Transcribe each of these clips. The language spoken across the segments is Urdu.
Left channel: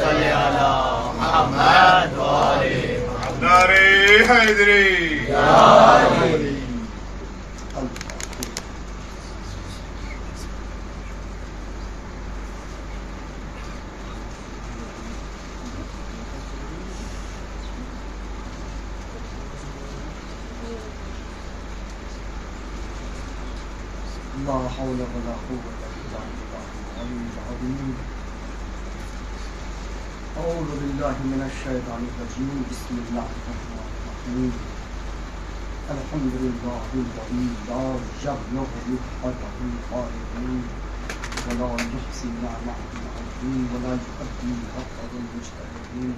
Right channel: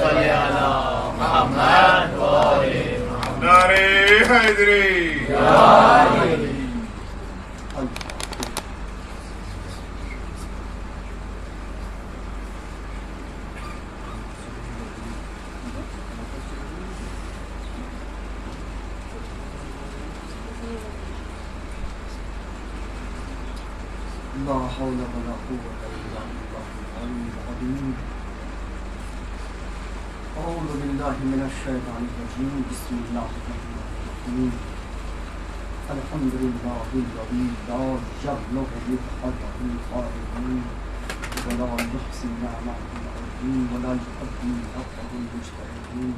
صل على محمد وآل محمد. نعرہ حیدری. لا حول ولا قوة إلا بالله العلي العظيم. أعوذ بالله من الشيطان الرجيم. بسم الله الرحمن الرحيم. الحمد لله الذي لا يبلغ بالقدر القائلين ولا يحصي نعمه المعين ولا يؤدي حقه المجتهدين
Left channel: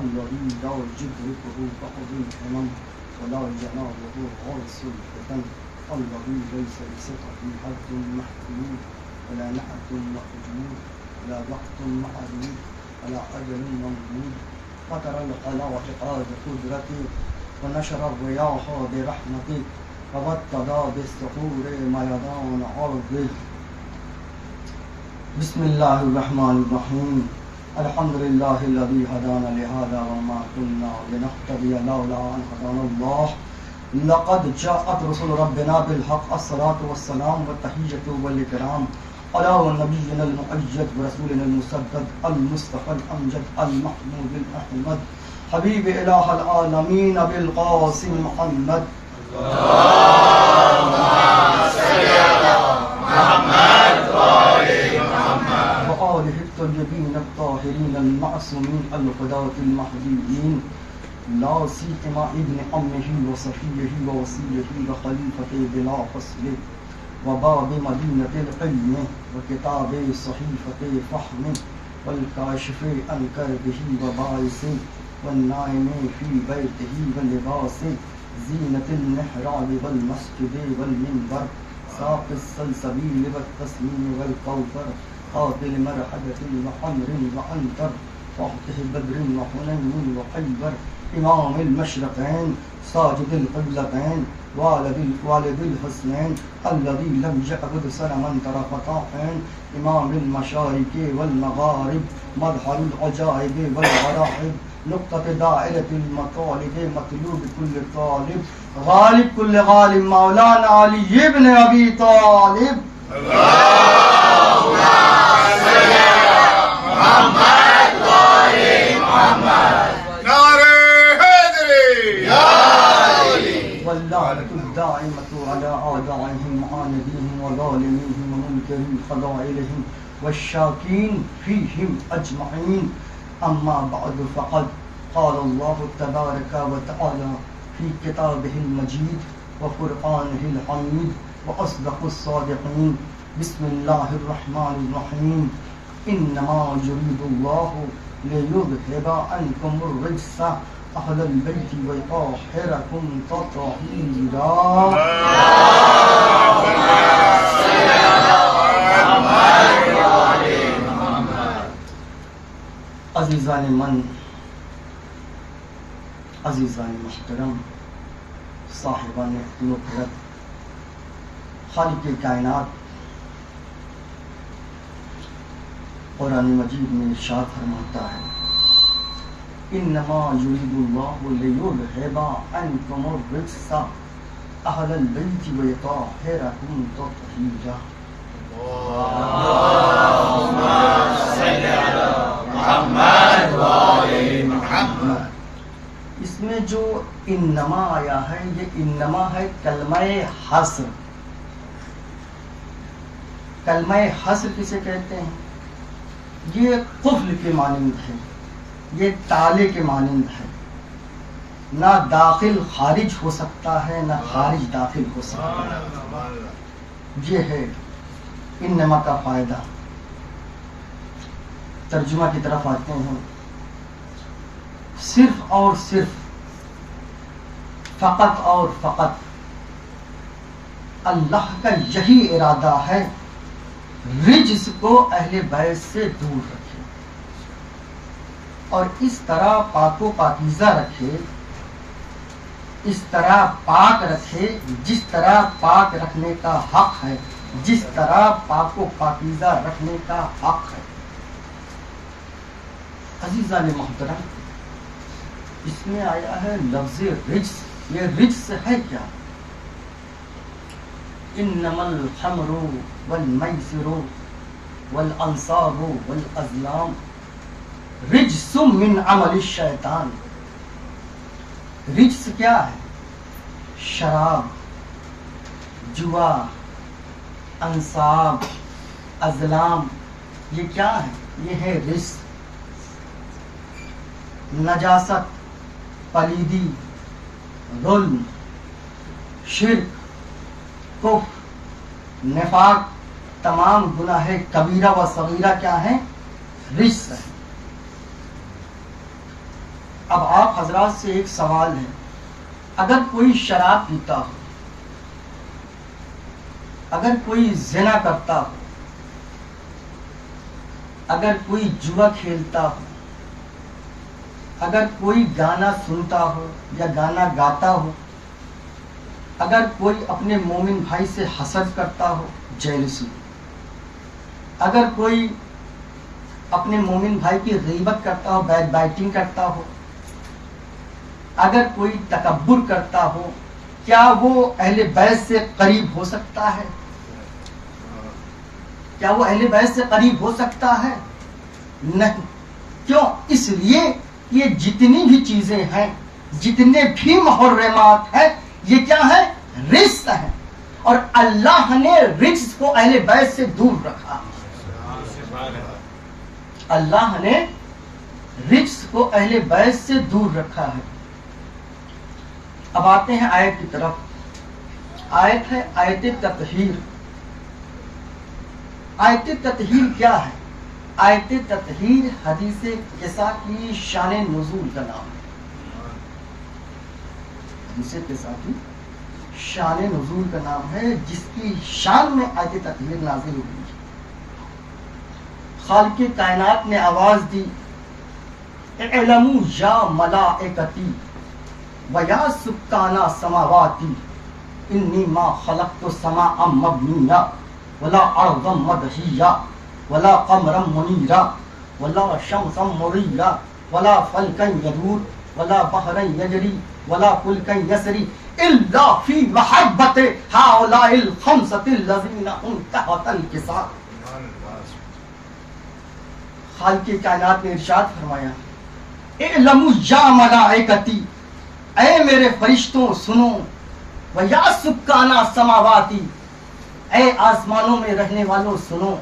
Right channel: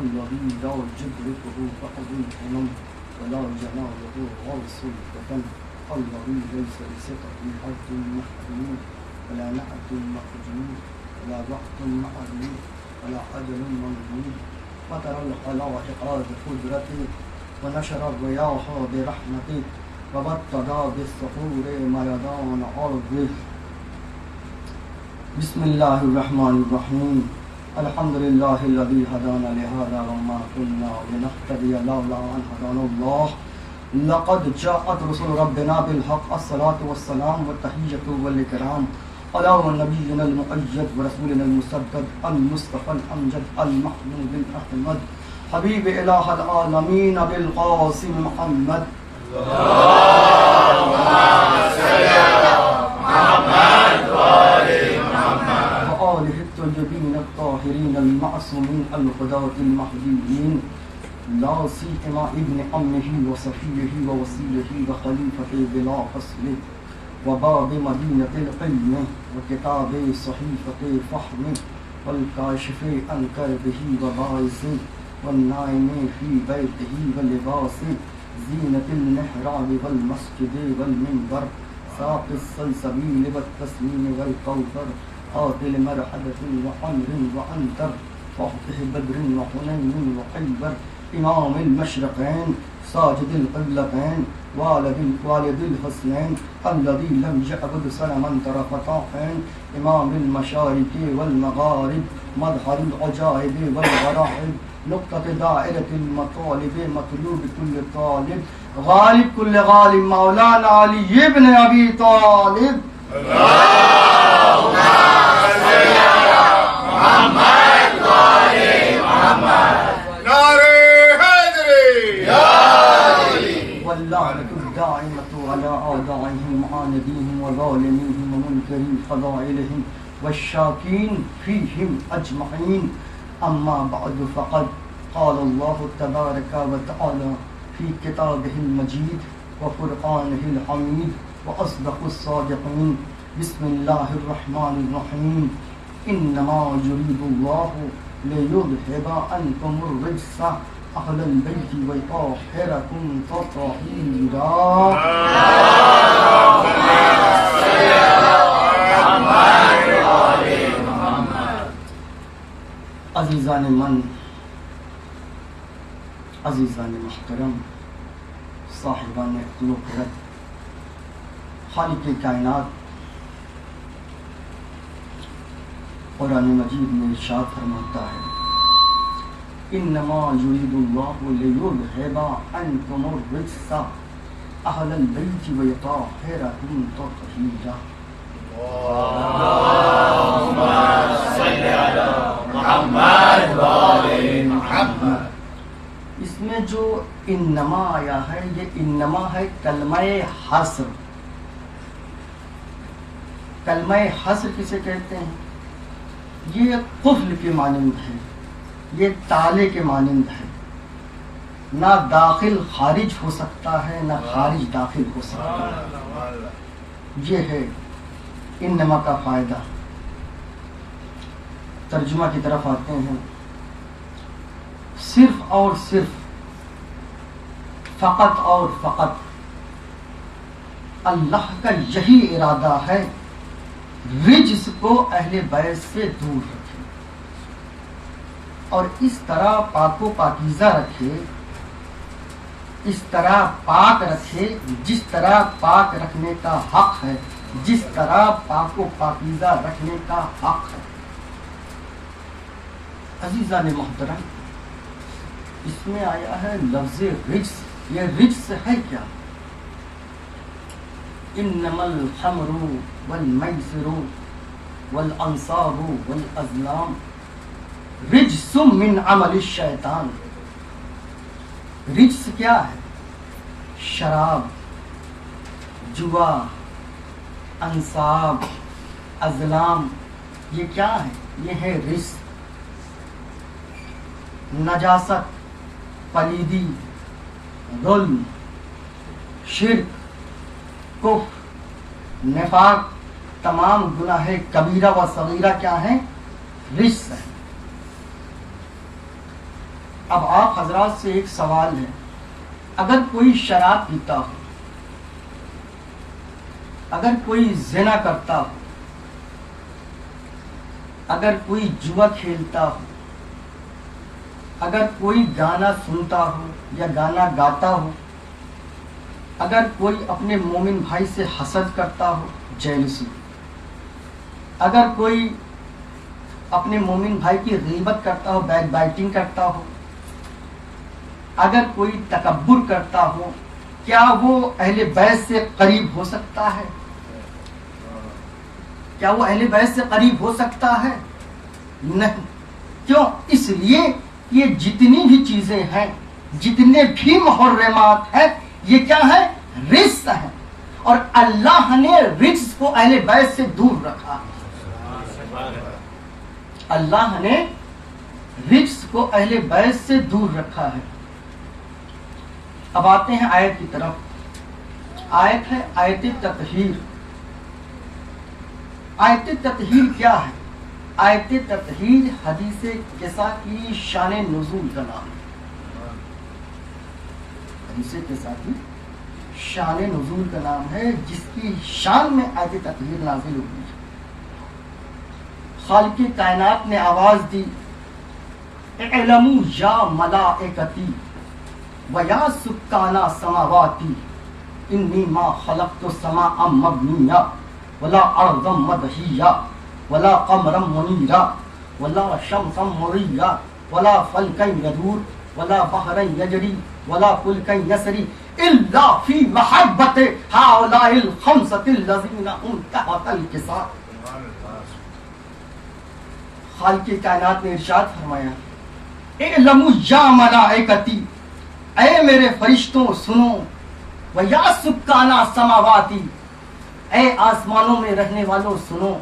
الذي لا يدركه بعض الهمم ولا يناله غوص الفتن الذي ليس لسطحه حد محدود ولا نعت مخجول ولا وقت معلوم ولا أجل ممدود فترى الخلائق بقدرته ونشر الرياح برحمته وبطل بالصخور ميدان أرضه. بسم الله الرحمن الرحيم. الحمد لله الذي هدانا لهذا وما كنا لنهتدي لولا أن هدانا الله. لقد جاءت رسل ربنا بالحق. الصلاة والسلام والتحية والإكرام على نبينا المؤيد ورسولنا المسدد المصطفى الأمجد المحمود الأحمد حبيب إله العالمين بالقاسم محمد. اللهم صل على محمد وآل محمد. وآله الطيبين الطاهرين المعصومين الهداة المهديين لا سيما ابن أمه وصفيه ووصيه وخليفته بلا فصل وباب مدينة العلم وكتاب صحيفة فهم والكاشف عن كربه وبائس والنائم في بيته ولباس زينة المحراب والمسجد والمنبر ساق السلسبيل والتسليم والكوثر قاتل مرحلة وحمر وعنتر فاتح بدر وحنين وخيبر امام المشرقين ساجد القبلتين والد الحسنين الذي لم يعبد صنما طرفة عين امام المشارق والمغارب مظهر العجائب والغرائب نقطة دائرة المطالب مطلوب كل طالب غالب كل غالب مولانا علي بن أبي طالب. اللهم صل على محمد وآل محمد. نعرہ حیدری. واللعنة الدائمة على أعدائهم وعانديهم وظالميهم ومنكري فضائلهم والشاكين فيهم أجمعين. أما بعد فقد قال الله تبارك وتعالى في كتابه المجيد وقرآنه الحميد وأصدق الصادقين. بسم الله الرحمن الرحيم. إنما يريد الله ليذهب عنكم الرجس أهل البيت ويطهركم تطهيرا. اللهم صل على محمد وآل محمد. عزیزان من، عزیزان محترم، صاحبان عقل و خرد، خالق کائنات قرآن مجید میں ارشاد فرماتا ہے انما یرید اللہ لیذہب عنکم الرجس اہل البیت ویطہرکم تطہیرا. اللهم صل على محمد وآل محمد. اس میں جو انما آیا ہے یہ انما ہے کلمہ حصر. کلمہ حصر کسے کہتے ہیں؟ یہ قفل کے مانند ہے، یہ تالے کے مانند ہے. نہ داخل خارج ہو سکتا ہے نہ خارج داخل ہو سکتا ہے. یہ ہے انما کا فائدہ. ترجمہ کی طرف آتے ہیں. صرف اور صرف، فقط اور فقط اللہ کا یہی ارادہ ہے رجس کو اہل بیت سے دور رکھے اور اس طرح پاک و پاکیزہ رکھے، اس طرح پاک رکھے جس طرح پاک رکھنے کا حق ہے، جس طرح پاک و پاکیزہ رکھنے کا حق ہے. عزیزان محترم، اس میں آیا ہے لفظ رجس. یہ رجس ہے کیا؟ انما الخمر والمیسر والانصاب والازلام رجس من عمل الشیطان. رجس کیا ہے؟ شراب، جوا، انصاب، ازلام، یہ کیا ہے؟ یہ ہے رجس. نجاست، پلیدی، ظلم، شرک، کفر، نفاق، تمام گناہ کبیرہ و صغیرہ کیا ہیں؟ رجس ہے. اب آپ حضرات سے ایک سوال ہے، اگر کوئی شراب پیتا ہو، اگر کوئی زنا کرتا ہو، اگر کوئی جوا کھیلتا ہو، اگر کوئی گانا سنتا ہو یا گانا گاتا ہو، اگر کوئی اپنے مومن بھائی سے حسد کرتا ہو، جیلسی، اگر کوئی اپنے مومن بھائی کی غیبت کرتا ہو، بیک بائٹنگ کرتا ہو، اگر کوئی تکبر کرتا ہو، کیا وہ اہل بیت سے قریب ہو سکتا ہے؟ کیا وہ اہل بیت سے قریب ہو سکتا ہے؟ نہیں. کیوں؟ اس لیے یہ جتنی بھی چیزیں ہیں، جتنے بھی محرمات ہیں، یہ کیا ہے؟ رجس ہیں. اور اللہ نے رجس کو اہل بیت سے دور رکھا. اللہ نے رجس کو اہل بیت سے دور رکھا ہے. اب آتے ہیں آیت کی طرف. آیت ہے آیت تطہیر. آیت تطہیر کیا ہے؟ آیت تطہیر حدیث قصہ کی شان نزول کا نام ہے. حدیث قصہ کی شان نزول کا نام ہے، جس کی شان میں آیت تطہیر نازل ہوئی. خالق کائنات نے آواز دی، اعلموا یا ملائکتی ویا سکان سماواتی انی ما خلقت السماء مبنیا ولا ارضا مدحیا ولا قمرا منیرا ولا شمسا مریا ولا فلکا یدور ولا بحرا یجری ولا فلکا یسری الا فی محبت هؤلاء الخمسة الذین هم تحت الکساء. خالق کائنات نے ارشاد فرمایا، اعلموا یا ملائکتی، اے میرے فرشتوں سنو، ویا سکانہ سماواتی، اے آسمانوں میں رہنے والوں سنو.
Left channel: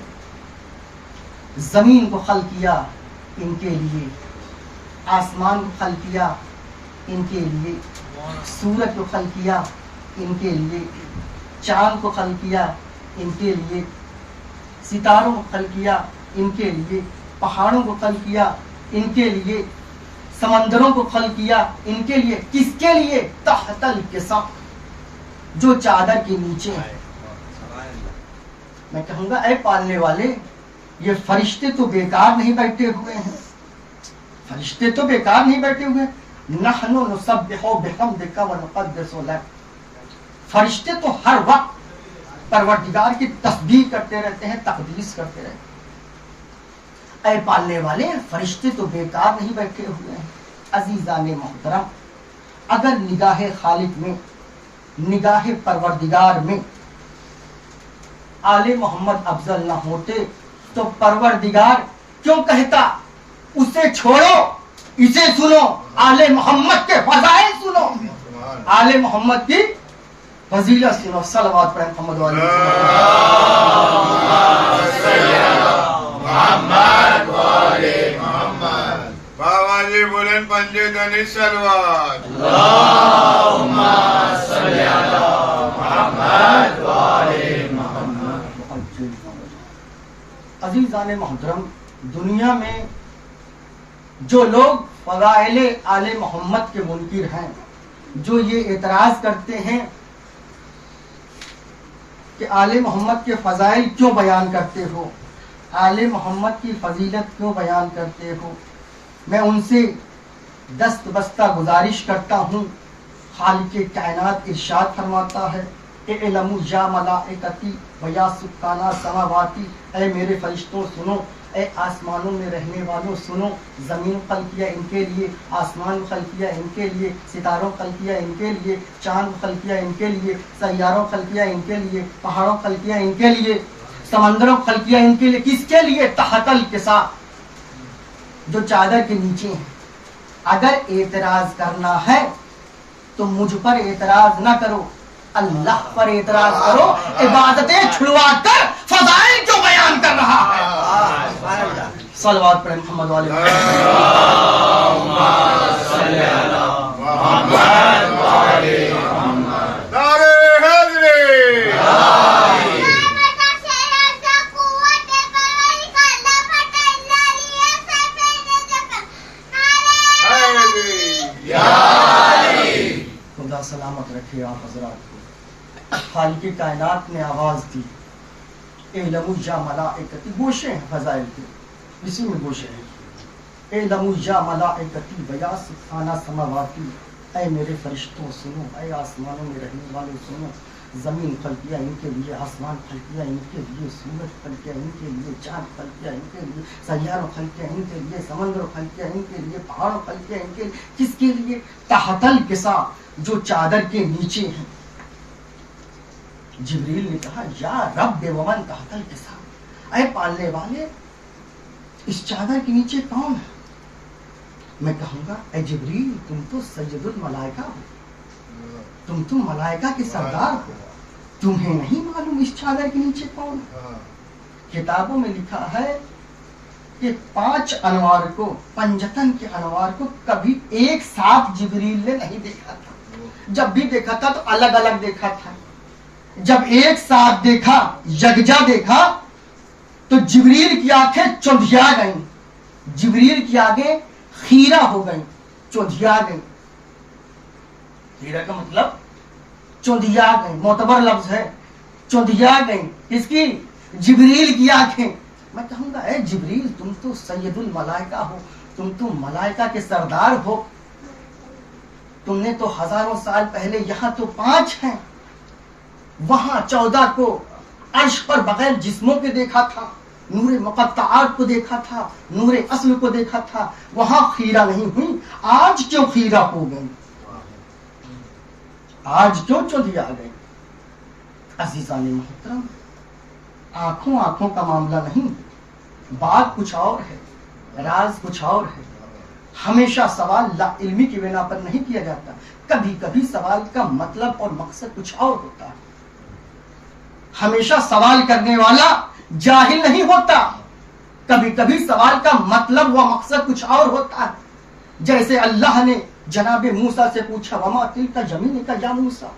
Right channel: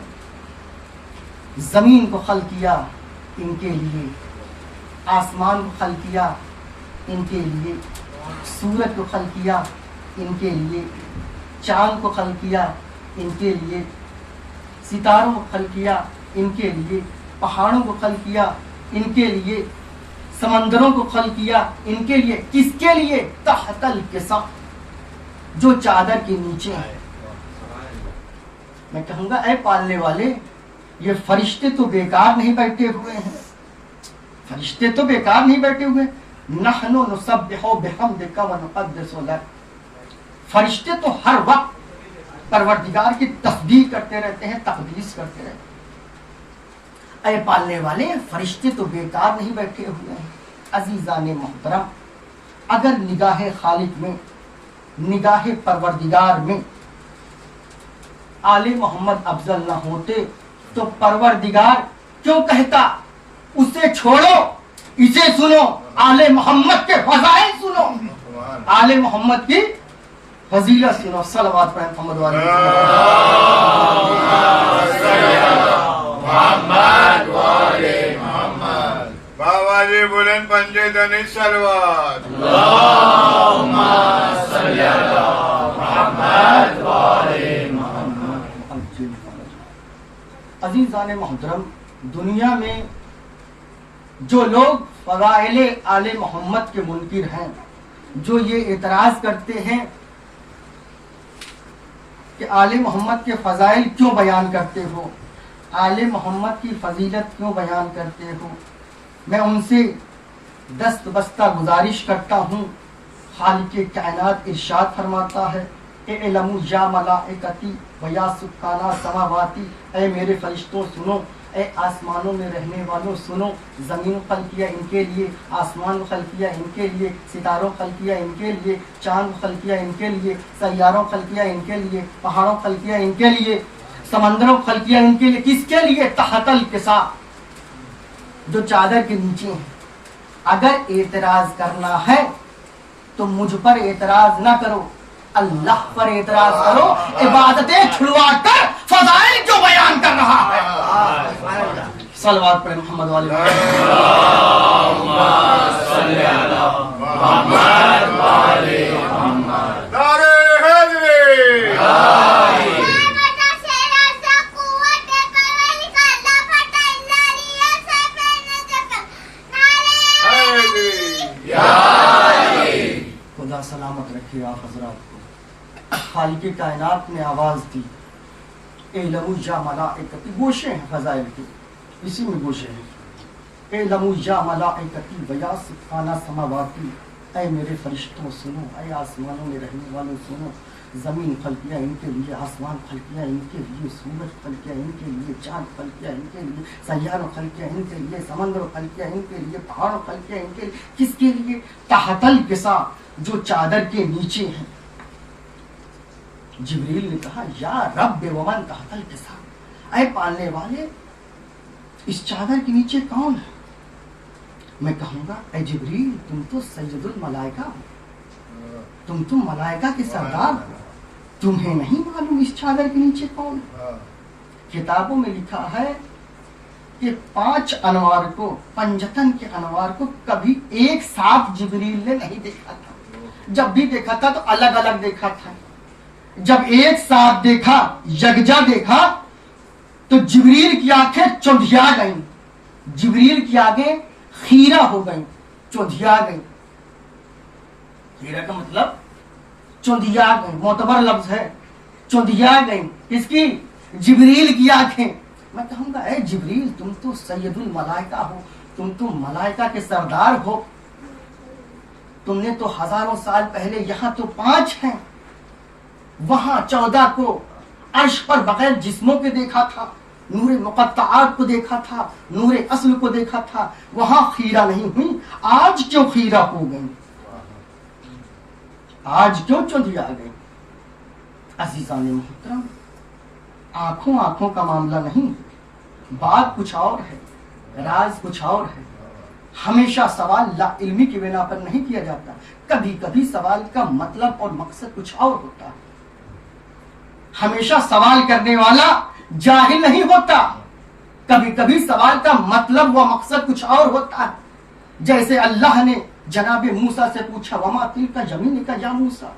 زمین کو خلق کیا ان کے لیے، آسمان کو خلق کیا ان کے لیے، سورج کو خلق کیا ان کے لیے، چاند کو خلق کیا ان کے لیے، ستاروں کو خلق کیا ان کے لیے، پہاڑوں کو خلق کیا ان کے لیے، سمندروں کو خلق کیا ان کے لیے. کس کے لیے؟ تحت الکساء، جو چادر کے نیچے ہے. میں کہوں گا اے پالنے والے، یہ فرشتے تو بیکار نہیں بیٹھے ہوئے ہیں. فرشتے تو بیکار نہیں بیٹھے ہوئے. نحن نسبح بحمدک ونقدس لک. فرشتے تو ہر وقت پروردگار کی تسبیح کرتے رہتے ہیں، تقدیس کرتے رہتے ہیں. اے پالنے والے، فرشتے تو بیکار نہیں بیٹھے ہوئے ہیں. عزیزان محترم، اگر نگاہ خالق میں، نگاہ پروردگار میں آل محمد افضل نہ ہوتے تو پروردگار کیوں کہتا اسے چھوڑو، اسے سنو، آل محمد کے فضائل سنو، آل محمد کی فضیلت سنو. صلوات پڑھیں محمد والے محمد والے محمد. بابا جی بلند پنجے دنی سلوات. اللہم صلی علی محمد والے محمد. عزیزان محترم، دنیا میں جو لوگ فضائل آل محمد کے منکر ہیں، جو یہ اعتراض کرتے ہیں کہ آل محمد کے فضائل کیوں بیان کرتے ہو، آل محمد کی فضیلت کیوں بیان کرتے ہو، میں ان سے دست بستہ گزارش کرتا ہوں. خالق کائنات ارشاد فرماتا ہے، اعلموا یا ملائکتی ویا سکانہ سماواتی، اے میرے فرشتوں سنو، اے آسمانوں میں رہنے والوں سنو، زمین خلق کیا ان کے لیے، آسمان خلق کیا ان کے لیے، ستاروں خلق کیا ان کے لیے، چاند خلق کیا ان کے لیے، سیاروں خلق کیا ان کے لیے، پہاڑوں خلق کیا ان کے لیے، سمندروں خلق کیا ان کے لیے. کس کے لیے؟ تحت الکسا، جو چادر کے نیچے ہیں. اگر اعتراض کرنا ہے تو مجھ پر اعتراض نہ کرو، اللہ پر اعتراض کرو. عبادتیں چھڑوا کر فضائل جو بیان کر رہا ہے. صلوات پڑھیں محمد والے نعرہ حیدری، خدا سلامت رکھے آپ حضرات کو. خالق کائنات نے آواز دی، اعلموا یا ملائکتی، گوشے ہیں فضائل کے، اسی میں گوشے ہیں. اعلموا یا ملائکتی ویا سبحانہ سماواتی، اے میرے فرشتوں سنو، اے آسمانوں میں رہنے والوں سنو. زمین خلق کیا ان کے لیے، آسمان خلق کیا ان کے لیے، سورج خلق کیا ان کے لیے، چاند خلق کیا ان کے لیے، سیاروں خلق کیا ان کے لیے، سمندر خلق کیا ان کے لیے، پہاڑوں خلق کیا ان کے لیے. کس کے لیے؟ تحت الکسا، جو چادر کے نیچے ہیں. جبریل نے کہا یا رب ومن تحت الکسا، اے پالنے والے اس چادر کے نیچے کون ہے؟ میں کہوں گا اے جبریل تم تو سید الملائکہ ہو، تم تو ملائکہ کے سردار ہو، تمہیں نہیں معلوم اس چادر کے نیچے کون ہے؟ کتابوں میں لکھا ہے کہ 5 انوار کو، پنجتن کے انوار کو کبھی ایک ساتھ جبریل نے نہیں دیکھا تھا. جب بھی دیکھا تھا تو الگ الگ دیکھا تھا. جب ایک ساتھ دیکھا، یکجا دیکھا، تو جبریل کی آنکھیں چندھیا گئیں، جبریل کی آنکھیں خیرہ ہو گئیں، چندھیا گئیں. خیرہ کا مطلب چندھیا گئیں، معتبر لفظ ہے. چندھیا گئیں کس کی؟ جبریل کی آنکھیں. میں کہوں گا اے جبریل تم تو سید الملائکہ ہو، تم تو ملائکہ کے سردار ہو، تم نے تو ہزاروں سال پہلے، یہاں تو 5 ہیں، وہاں 14 کو عرش پر بغیر جسموں کے دیکھا تھا، نور مقطعات کو دیکھا تھا، نور اصل کو دیکھا تھا، وہاں خیرہ نہیں ہوئی. آج کیوں خیرہ ہو گئی؟ آج کیوں چندھیا گئی؟ عزیزان محترم، آنکھوں کا معاملہ نہیں، بات کچھ اور ہے، راز کچھ اور ہے. ہمیشہ سوال لا علمی کی بنا پر نہیں کیا جاتا، کبھی کبھی سوال کا مطلب اور مقصد کچھ اور ہوتا ہے. ہمیشہ سوال کرنے والا جاہل نہیں ہوتا، کبھی کبھی سوال کا مطلب و مقصد کچھ اور ہوتا ہے. جیسے اللہ نے جناب موسیٰ سے پوچھا وما تلک یمینک یا موسیٰ،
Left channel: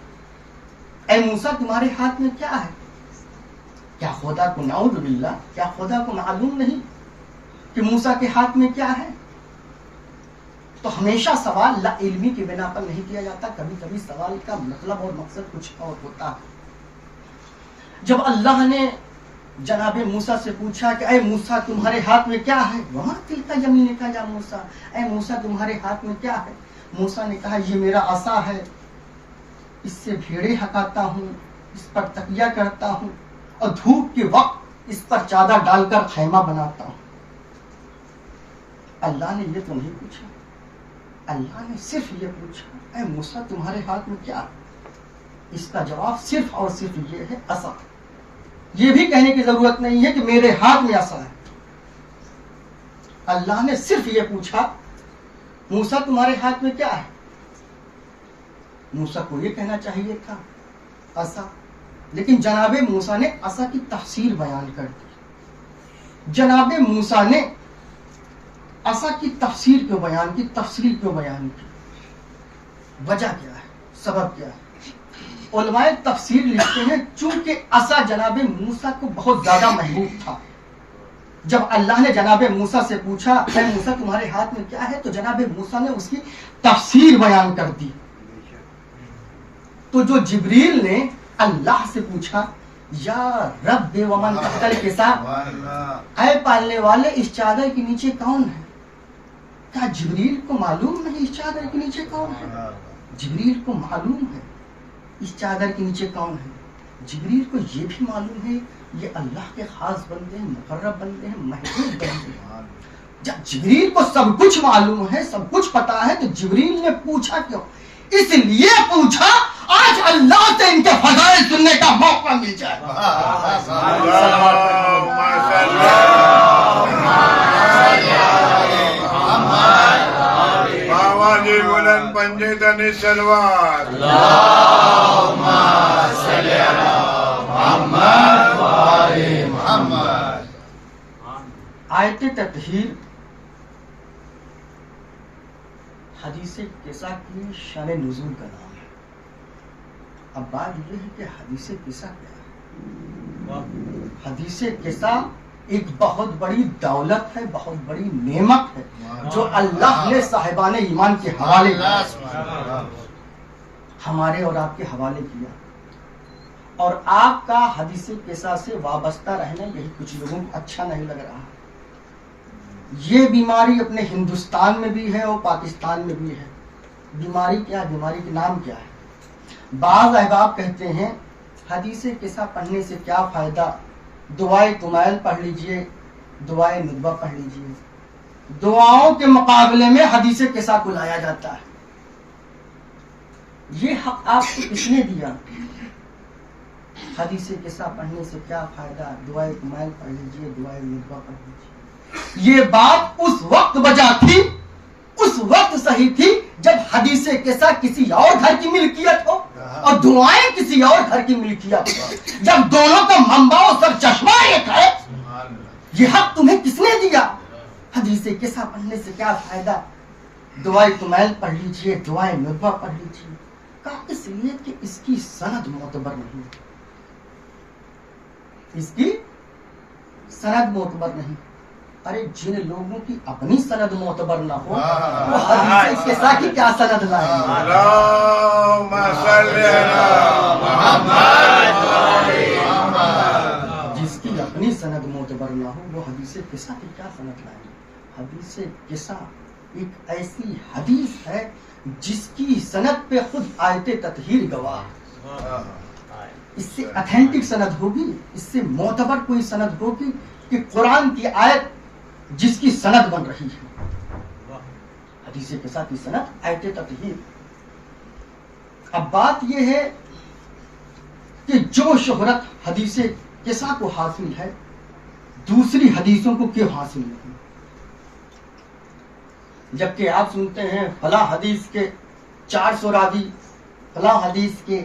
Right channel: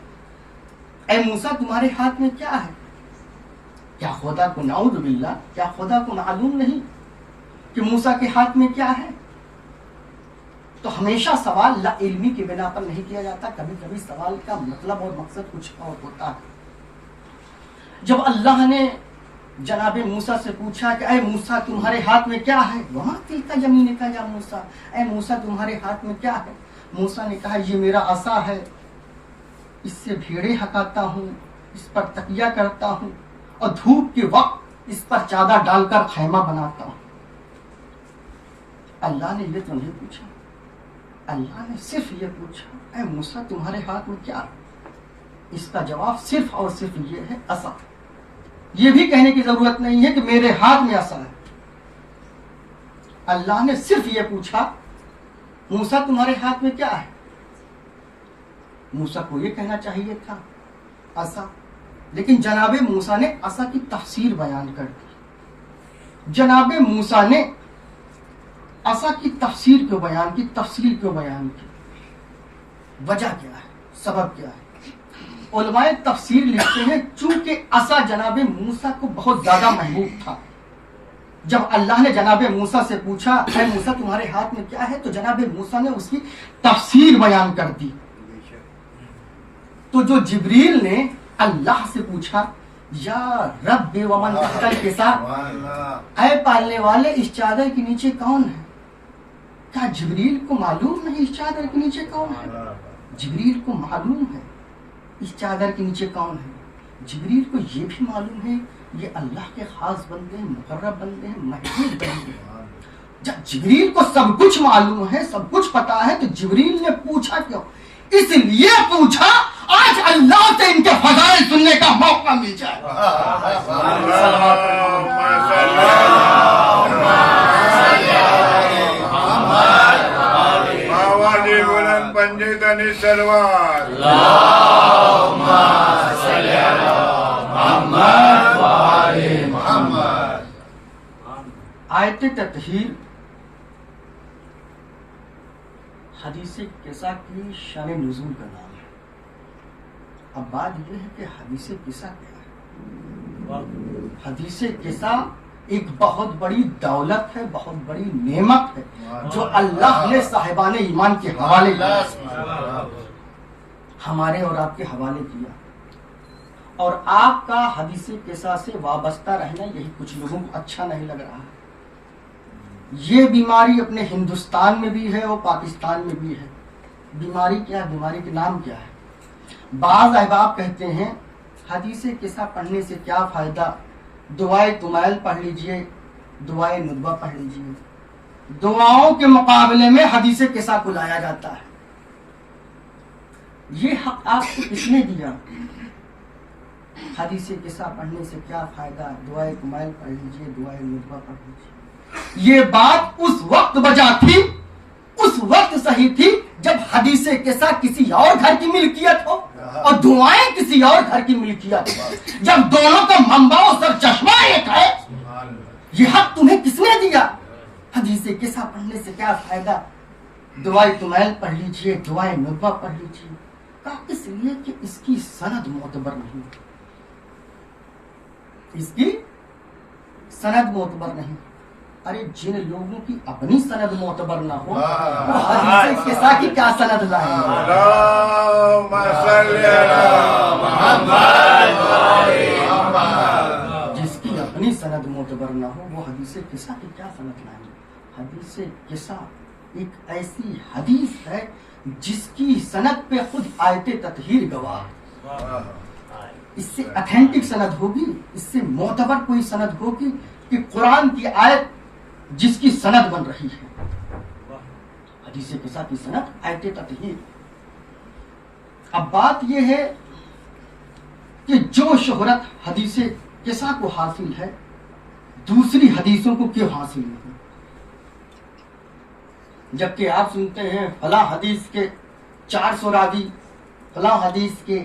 اے موسیٰ تمہارے ہاتھ میں کیا ہے؟ کیا خدا کو، نعوذ باللہ، کیا خدا کو معلوم نہیں کہ موسیٰ کے ہاتھ میں کیا ہے؟ تو ہمیشہ سوال لا علمی کی بنا پر نہیں کیا جاتا، کبھی کبھی سوال کا مطلب اور مقصد کچھ اور ہوتا ہے. جب اللہ نے جناب موسیٰ سے پوچھا کہ اے موسیٰ تمہارے ہاتھ میں کیا ہے؟ وما تلک یمینک یا موسیٰ، اے موسیٰ تمہارے ہاتھ میں کیا ہے؟ موسیٰ نے کہا یہ میرا عصا ہے، اس سے بھیڑیں ہٹاتا ہوں، اس پر تکیہ کرتا ہوں، اور دھوپ کے وقت اس پر چادر ڈال کر خیمہ بناتا ہوں. اللہ نے یہ تو نہیں پوچھا، اللہ نے صرف یہ پوچھا اے موسیٰ تمہارے ہاتھ میں کیا ہے؟ اس کا جواب صرف اور صرف یہ ہے عصا. یہ بھی کہنے کی ضرورت نہیں ہے کہ میرے ہاتھ میں عصا ہے. اللہ نے صرف یہ پوچھا موسیٰ تمہارے ہاتھ میں کیا ہے؟ موسیٰ کو یہ کہنا چاہیے تھا عصا، لیکن جناب موسیٰ نے عصا کی تفسیر بیان کر دی. جناب موسیٰ نے عصا کی تفسیر کیوں بیان کی، تفصیل کیوں بیان کی؟ وجہ کیا ہے، سبب کیا ہے؟ علماء تفسیر لکھتے ہیں چونکہ عصا جناب موسیٰ کو بہت زیادہ محبوب تھا. جب اللہ نے جناب موسیٰ سے پوچھا اے موسیٰ تمہارے ہاتھ میں کیا ہے، تو جناب موسیٰ نے اس کی تفسیر بیان کر دی. تو جو جبریل نے اللہ سے پوچھا یا رب ومن تحت الکسا، اے پالنے والے اس چادر کے نیچے کون ہے؟ کیا جبریل کو معلوم نہیں اس چادر کے نیچے کون ہے؟ جبریل کو معلوم ہے اس چادر کے نیچے کون ہے. جبریل کو یہ بھی معلوم ہے یہ اللہ کے خاص بندے ہیں، مقرب بندے ہیں، محبوب بندے ہیں. جب جبریل کو سب کچھ معلوم ہے، سب کچھ پتا ہے، تو جبریل نے پوچھا کیوں؟ اس لیے پوچھا آج اللہ سے ان کے فضائل سننے کا موقع مل جائے. بابا جی بلند پنجے تنی سلوات. آیت تطہیر حدیث قصہ کی شان نزول کا نام ہے. اب بات یہ ہے کہ حدیث قصہ کیا ہے؟ حدیث قصہ ایک بہت بڑی دولت ہے، بہت بڑی نعمت ہے جو اللہ نے صاحبان ایمان کے حوالے کیا، ہمارے اور آپ کے حوالے کیا. اور آپ کا حدیث قصہ سے وابستہ رہنا یہی کچھ لوگوں کو اچھا نہیں لگ رہا. یہ بیماری اپنے ہندوستان میں بھی ہے اور پاکستان میں بھی ہے. بیماری کیا ہے؟ بیماری کے نام کیا ہے؟ بعض احباب کہتے ہیں حدیث قصہ پڑھنے سے کیا فائدہ، دعائے کمیل پڑھ لیجئے، دعائے ندبہ پڑھ لیجئے. دعاؤں کے مقابلے میں حدیث قصہ کو لایا جاتا ہے. یہ حق آپ کو کس نے دیا؟ حدیث قصہ پڑھنے سے کیا فائدہ، دعائے کمیل پڑھ لیجئے، دعائے ندبہ پڑھ لیجئے. یہ بات اس وقت بجا تھی، اس وقت صحیح تھی جب حدیث قصہ کسی اور گھر کی ملکیت ہو اور دعائیں کسی اور گھر کی ملکیت ہو. جب دونوں کا منبع و سر چشمہ ایک ہے، یہ حق تمہیں کس نے دیا؟ حدیث قصہ پڑھنے سے کیا فائدہ، دعائے کمیل پڑھ لیجئے، دعائے ندبہ پڑھ لیجئے. کہا اس لیے کہ اس کی سند معتبر نہیں، اس کی سند معتبر نہیں. ارے جن لوگوں کی اپنی سند معتبر نہ ہو وہ حدیث قصہ کی کیا سند لائیں؟ اللہم صلی علی محمد و آل محمد. جس کی اپنی سند معتبر نہ ہو وہ حدیث قصہ کی کیا سند لائیں؟ حدیث قصہ ایک ایسی حدیث ہے جس کی سند پہ خود آیت تطہیر گواہ. اس سے اتھینٹک سند ہوگی، اس سے معتبر کوئی سند ہوگی کہ قرآن کی آیت جس کی سند بن رہی ہے. حدیث قصہ کی سند آیت تطہیر. اب بات یہ ہے کہ جو شہرت حدیث قصہ کو حاصل ہے دوسری حدیثوں کو کیوں حاصل نہیں؟ جبکہ آپ سنتے ہیں فلاں حدیث کے 400 راوی، فلاں حدیث کے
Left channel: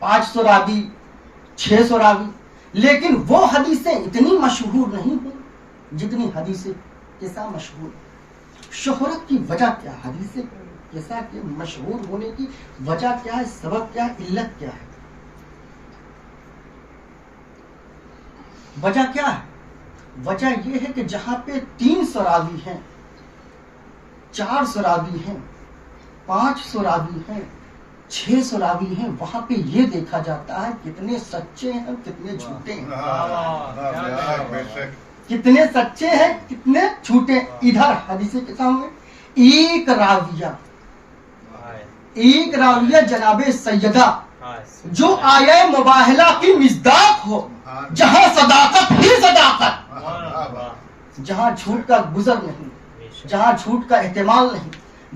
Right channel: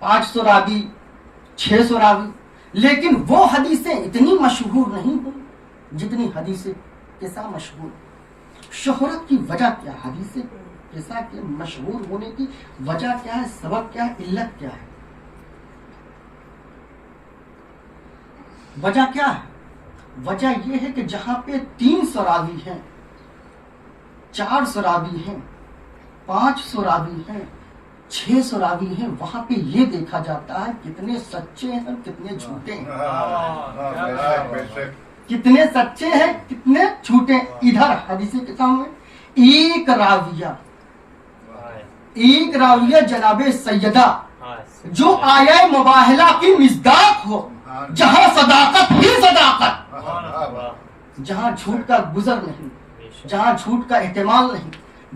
500 راوی، 600 راوی، لیکن وہ حدیثیں اتنی مشہور نہیں ہیں جتنی حدیث قصہ مشہور. شہرت کی وجہ کیا ہے؟ حدیث قصہ کے مشہور ہونے کی وجہ کیا ہے، سبب کیا ہے، علت کیا ہے؟ وجہ کیا ہے؟ وجہ یہ ہے کہ جہاں پہ 300 راوی ہیں، 400 راوی ہیں، 500 راوی ہیں، 600 راوی ہیں، وہاں پہ یہ دیکھا جاتا ہے کتنے سچے ہیں کتنے جھوٹے ہیں، کتنے سچے ہیں کتنے جھوٹے. ادھر حدیث قصہ میں ایک راویہ جناب سیدہ جو آیہ مباہلہ کی مصداق ہو، جہاں صداقت ہی صداقت، جہاں جھوٹ کا گزر نہیں، جہاں جھوٹ کا احتمال نہیں،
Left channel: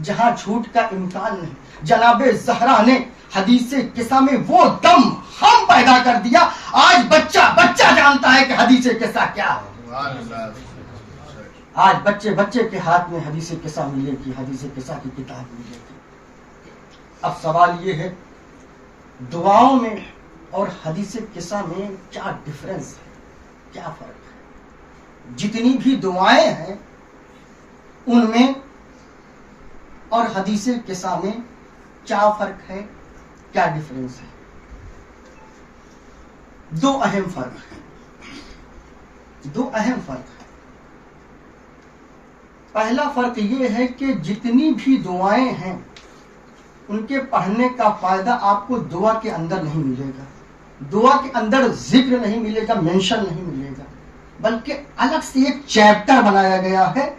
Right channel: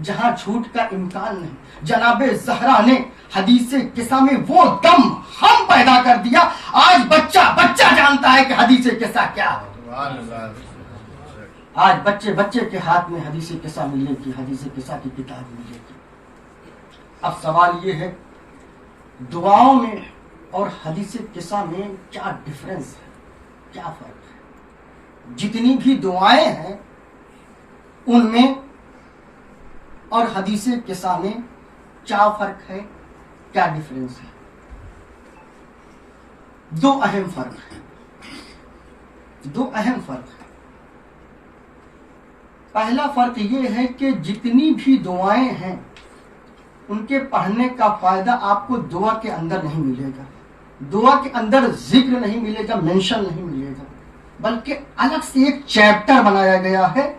جہاں جھوٹ کا امکان نہیں. جناب زہرا نے حدیث قصہ میں وہ دم ہم پیدا کر دیا. آج بچہ جانتا ہے کہ حدیث قصہ کیا ہے. آج بچے کے ہاتھ میں حدیث قصہ ملے گی، حدیث قصہ کی کتاب ملے گی. اب سوال یہ ہے دعاؤں میں اور حدیث قصہ میں کیا ڈفرنس ہے، کیا فرق ہے؟ جتنی بھی دعائیں ہیں ان میں اور حدیث قصہ میں کیا فرق ہے، کیا ڈفرنس ہے؟ دو اہم فرق ہے. پہلا فرق یہ ہے کہ جتنی بھی دعائیں ہیں ان کے پڑھنے کا فائدہ آپ کو دعا کے اندر نہیں ملے گا. دعا کے اندر ذکر نہیں ملے گا، مینشن نہیں ملے گا، بلکہ الگ سے ایک چیپٹر بنایا گیا ہے.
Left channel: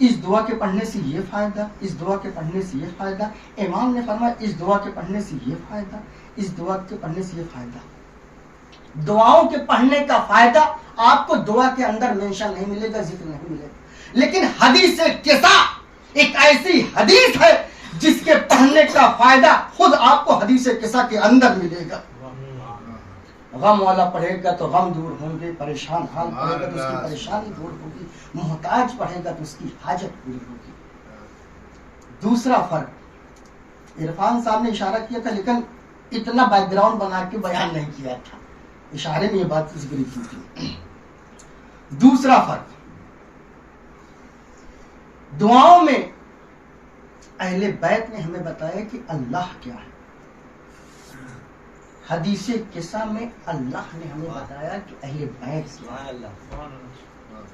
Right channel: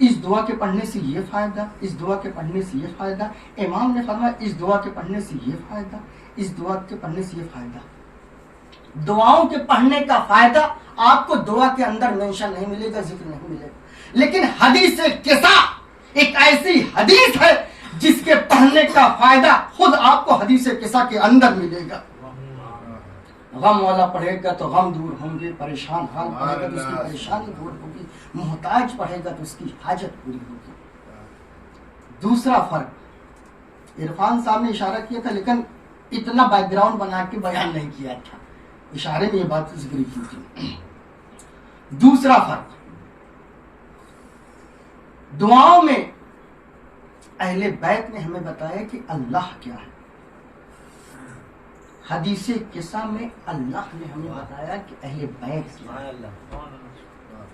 اس دعا کے پڑھنے سے یہ فائدہ، اس دعا کے پڑھنے سے یہ فائدہ. امام نے فرمایا اس دعا کے پڑھنے سے یہ فائدہ، اس دعا کے پڑھنے سے یہ فائدہ. دعاؤں کے پڑھنے کا فائدہ آپ کو دعا کے اندر مینشن نہیں ملے گا، ذکر نہیں ملے گا، لیکن حدیث قصہ ایک ایسی حدیث ہے جس کے پڑھنے کا فائدہ خود آپ کو حدیث قصہ کے اندر ملے گا۔ غم والا پڑھے گا تو غم دور ہوں گے، پریشان حال پڑھے گا تو اس کی پریشانی دور ہوگی، محتاج پڑھے گا تو اس کی حاجت پوری ہوگی۔ دوسرا فرق، عرفان صاحب نے اشارہ کیا تھا لیکن اتنا بیک گراؤنڈ بنا کے بیان نہیں کیا تھا، اشارے میں یہ بات ذکر کی تھی۔ دوسرا فرق، دعاؤں میں اہل بیت نے ہمیں بتایا کہ اللہ کیا ہے، حدیث قصہ میں اللہ نے ہمیں بتایا کہ اہل بیت کیا ہے۔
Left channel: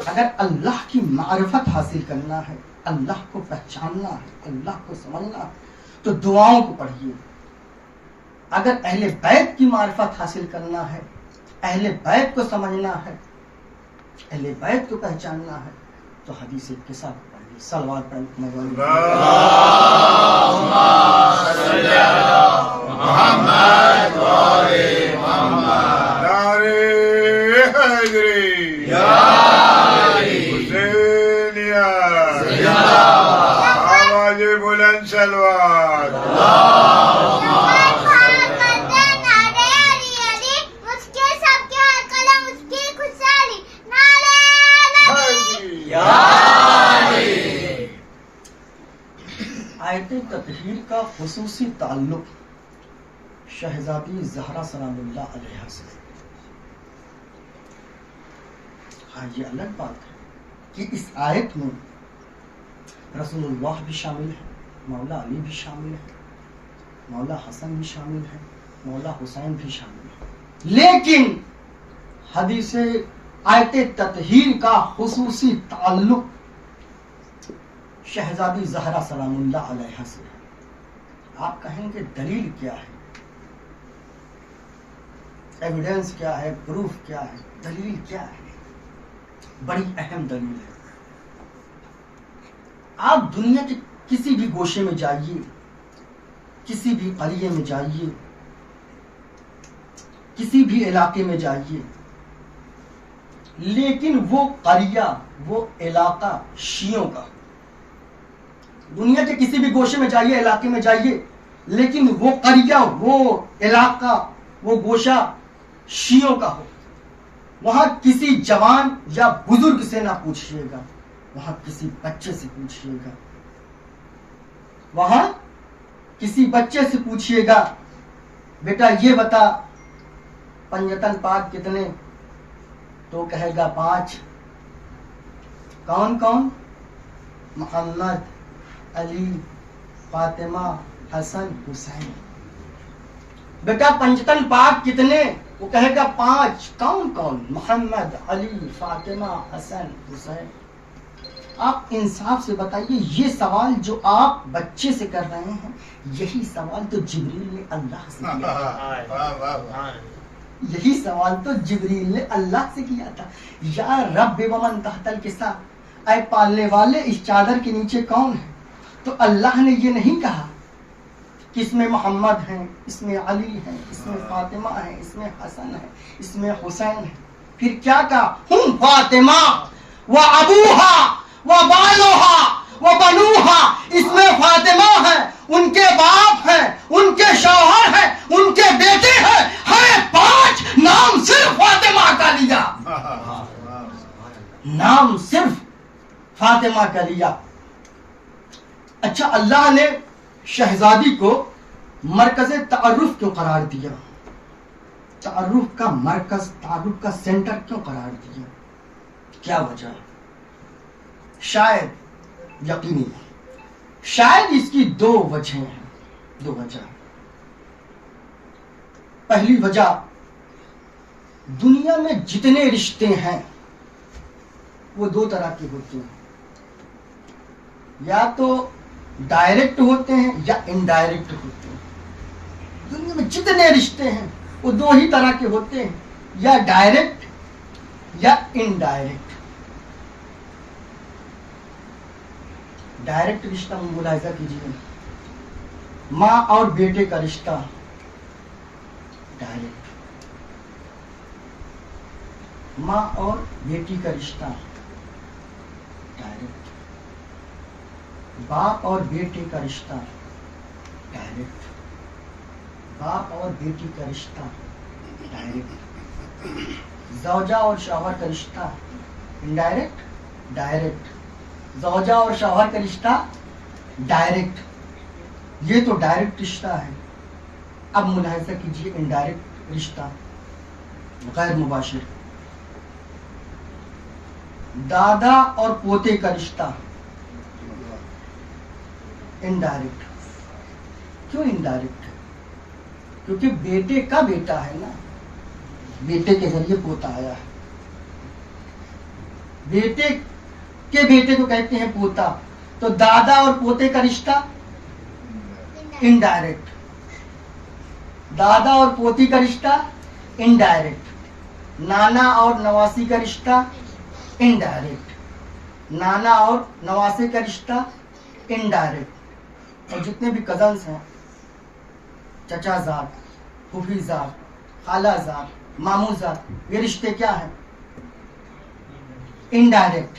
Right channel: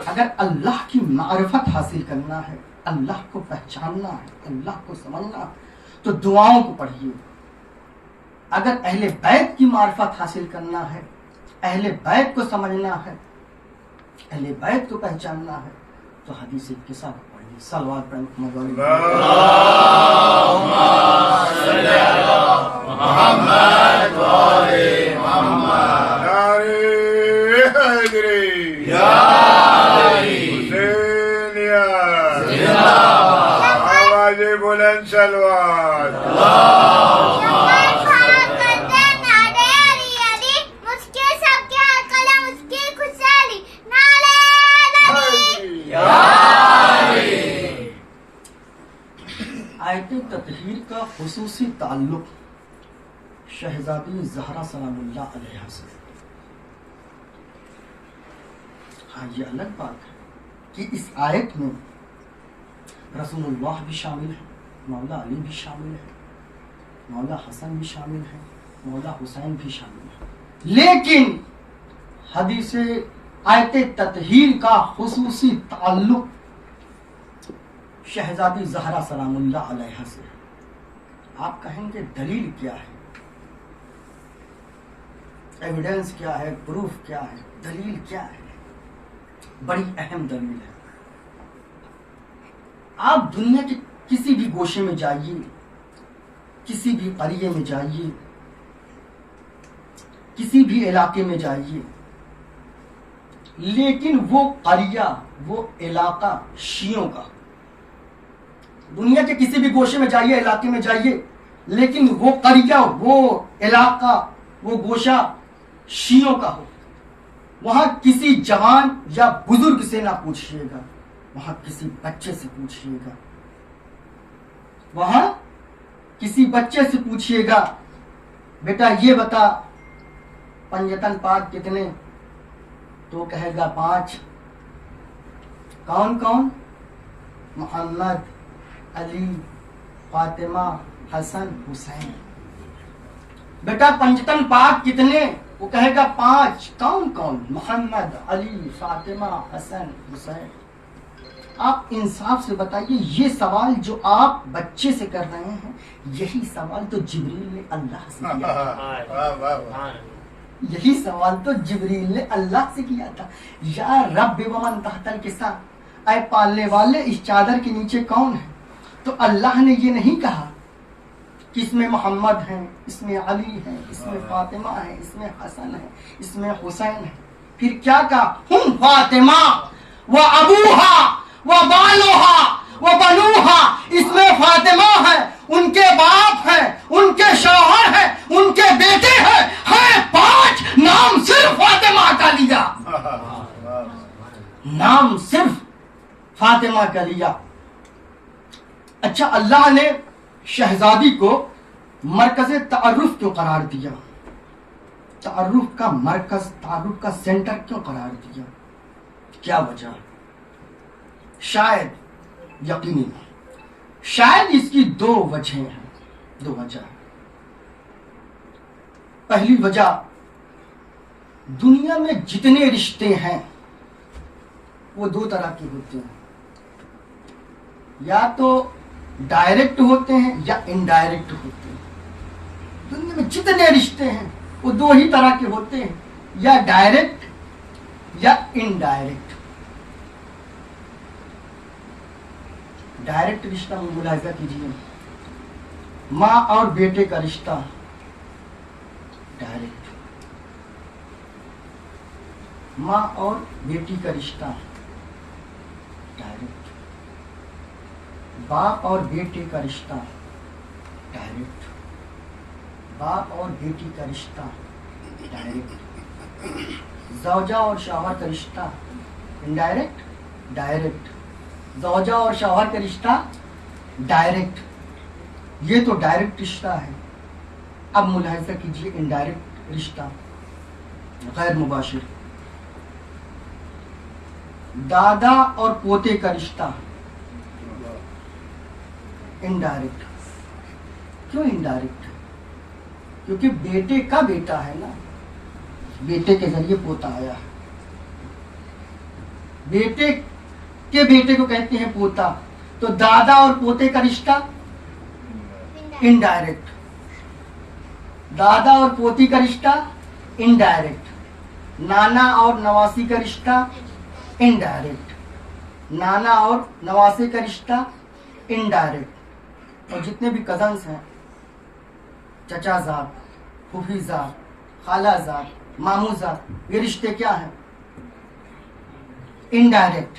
اگر اللہ کی معرفت حاصل کرنا ہے، اللہ کو پہچاننا ہے، اللہ کو سمجھنا ہے تو دعاؤں کو پڑھیے۔ اگر اہل بیت کی معرفت حاصل کرنا ہے، اہل بیت کو سمجھنا ہے، اہل بیت کو پہچاننا ہے تو حدیث قصہ کو پڑھیے۔ صلوات پڑھیں محمد بلند سلوات آیت تطہیر کا خصوصی تعلق شہزادی زہرا سلام اللہ علیہ سے۔ ہاں یہ الگ بات ہے کہ اس آیت میں رسول اللہ بھی شامل ہے، مولا علی بھی شامل ہے، مولا حسن بھی شامل ہے، مولا حسین بھی شامل ہے، لیکن حدیث آیت تطہیر کا خصوصی تعلق شہزادی زہرا سلام اللہ علیہ سے ہے۔ آپ کہیں گے دلیل کیا ہے، ایویڈنس کیا ہے، پروف کیا ہے، دلیل کیا ہے؟ بڑی اہم دلیل ہے۔ آپ دنیا کے کسی بھی گوشے میں جائیے، کسی بھی قریے میں جائیے، کسی بھی علاقے میں جائیے، لیکن وہ قریہ، وہ علاقہ شیعوں کا، دنیا کے کسی بھی گوشے میں جائیے، علاقے میں جائیے، لیکن وہ قریہ، وہ علاقہ، وہ گوشہ شیعوں کا ہو، وہاں کسی جوان یا بزرگ سے نہ پوچھئے گا، وہاں کسی بچے سے پوچھئے گا، وہاں کسی بچے سے پوچھئے گا بیٹا یہ بتا پنجتن پاک کتنے، تو کہے گا 5۔ کون کون؟ محمد، علی، فاطمہ، حسن، حسین۔ بیٹا پنجتن پاک کتنے؟ وہ کہے گا 5۔ کون کون؟ محمد، علی، فاطمہ، حسن، حسین۔ آپ انصاف سے بتائیے، یہ سوال جو آپ بچے سے کر رہے ہیں، یہی سوال تو جبریل نے اللہ سے کیا تھا، یہی سوال تو جبریل نے اللہ سے کیا تھا، یا رب ومن تحت الکساء، اے پالنے والے اس چادر کے نیچے کون ہے؟ تو اللہ نے یہ نہیں کہا کہ اس میں محمد ہیں، اس میں علی ہیں، اس میں فاطمہ ہے، اس میں حسن ہے، اس میں حسین ہے، پھر کیا کہا؟ ہم فاطمہ و ابوہا و بالوہا و بنوہا، اس میں فاطمہ ہے، ان کے باپ ہیں، ان کے شوہر ہیں، ان کے بیٹے ہیں، 5 نام صرف فاطمہ کا لیا، نام صرف فاطمہ کا لیا۔ اچھا، اللہ نے شہزادی کو مرکز تعارف کیوں قرار دیا؟ تعارف کا مرکز، تعارف کا سینٹر کیوں قرار دیا؟ کیا وجہ؟ شاید، یقینی شاید اس کی 2 وجہیں ہیں، 2 وجہ۔ پہلی وجہ، دنیا میں جتنے رشتے ہیں وہ 2 طرح کے ہوتے ہیں، یا تو ڈائریکٹ ہوتے ہیں یا انڈائریکٹ ہوتے ہیں۔ دنیا میں جتنے رشتے ہیں وہ 2 ہی طرح کے ہوتے ہیں، یا ڈائریکٹ یا انڈائریکٹ۔ ڈائریکٹ رشتہ ملاحظہ کیجیے، ماں اور بیٹے کا رشتہ ڈائریکٹ، ماں اور بیٹی کا رشتہ ڈائریکٹ، باپ اور بیٹے کا رشتہ ڈائریکٹ، باپ اور بیٹی کا رشتہ ڈائریکٹ، زوجہ اور شوہر کا رشتہ انڈائریکٹ ڈائریکٹ، زوجہ اور شوہر کا رشتہ ڈائریکٹ، یہ تو ڈائریکٹ رشتہ ہے۔ اب ملاحظہ کیجیے انڈائریکٹ رشتہ، غیر مباشر، دادا اور پوتے کا رشتہ انڈائریکٹ۔ کیوں انڈائریکٹ؟ کیونکہ بیٹے کا بیٹا ہے نا، بیٹے کے ذریعے پوتا آیا ہے، بیٹے کے بیٹے کو کہتے ہیں پوتا، تو دادا اور پوتے کا رشتہ انڈائریکٹ، دادا اور پوتی کا رشتہ انڈائریکٹ، نانا اور نواسی کا رشتہ انڈائریکٹ، نانا اور نواسے کا رشتہ انڈائریکٹ، اور جتنے بھی کزنس ہیں، چچا زاد، پھوپھی زاد، خالہ زاد، ماموں زاد، یہ رشتے کیا ہیں؟ انڈائریکٹ۔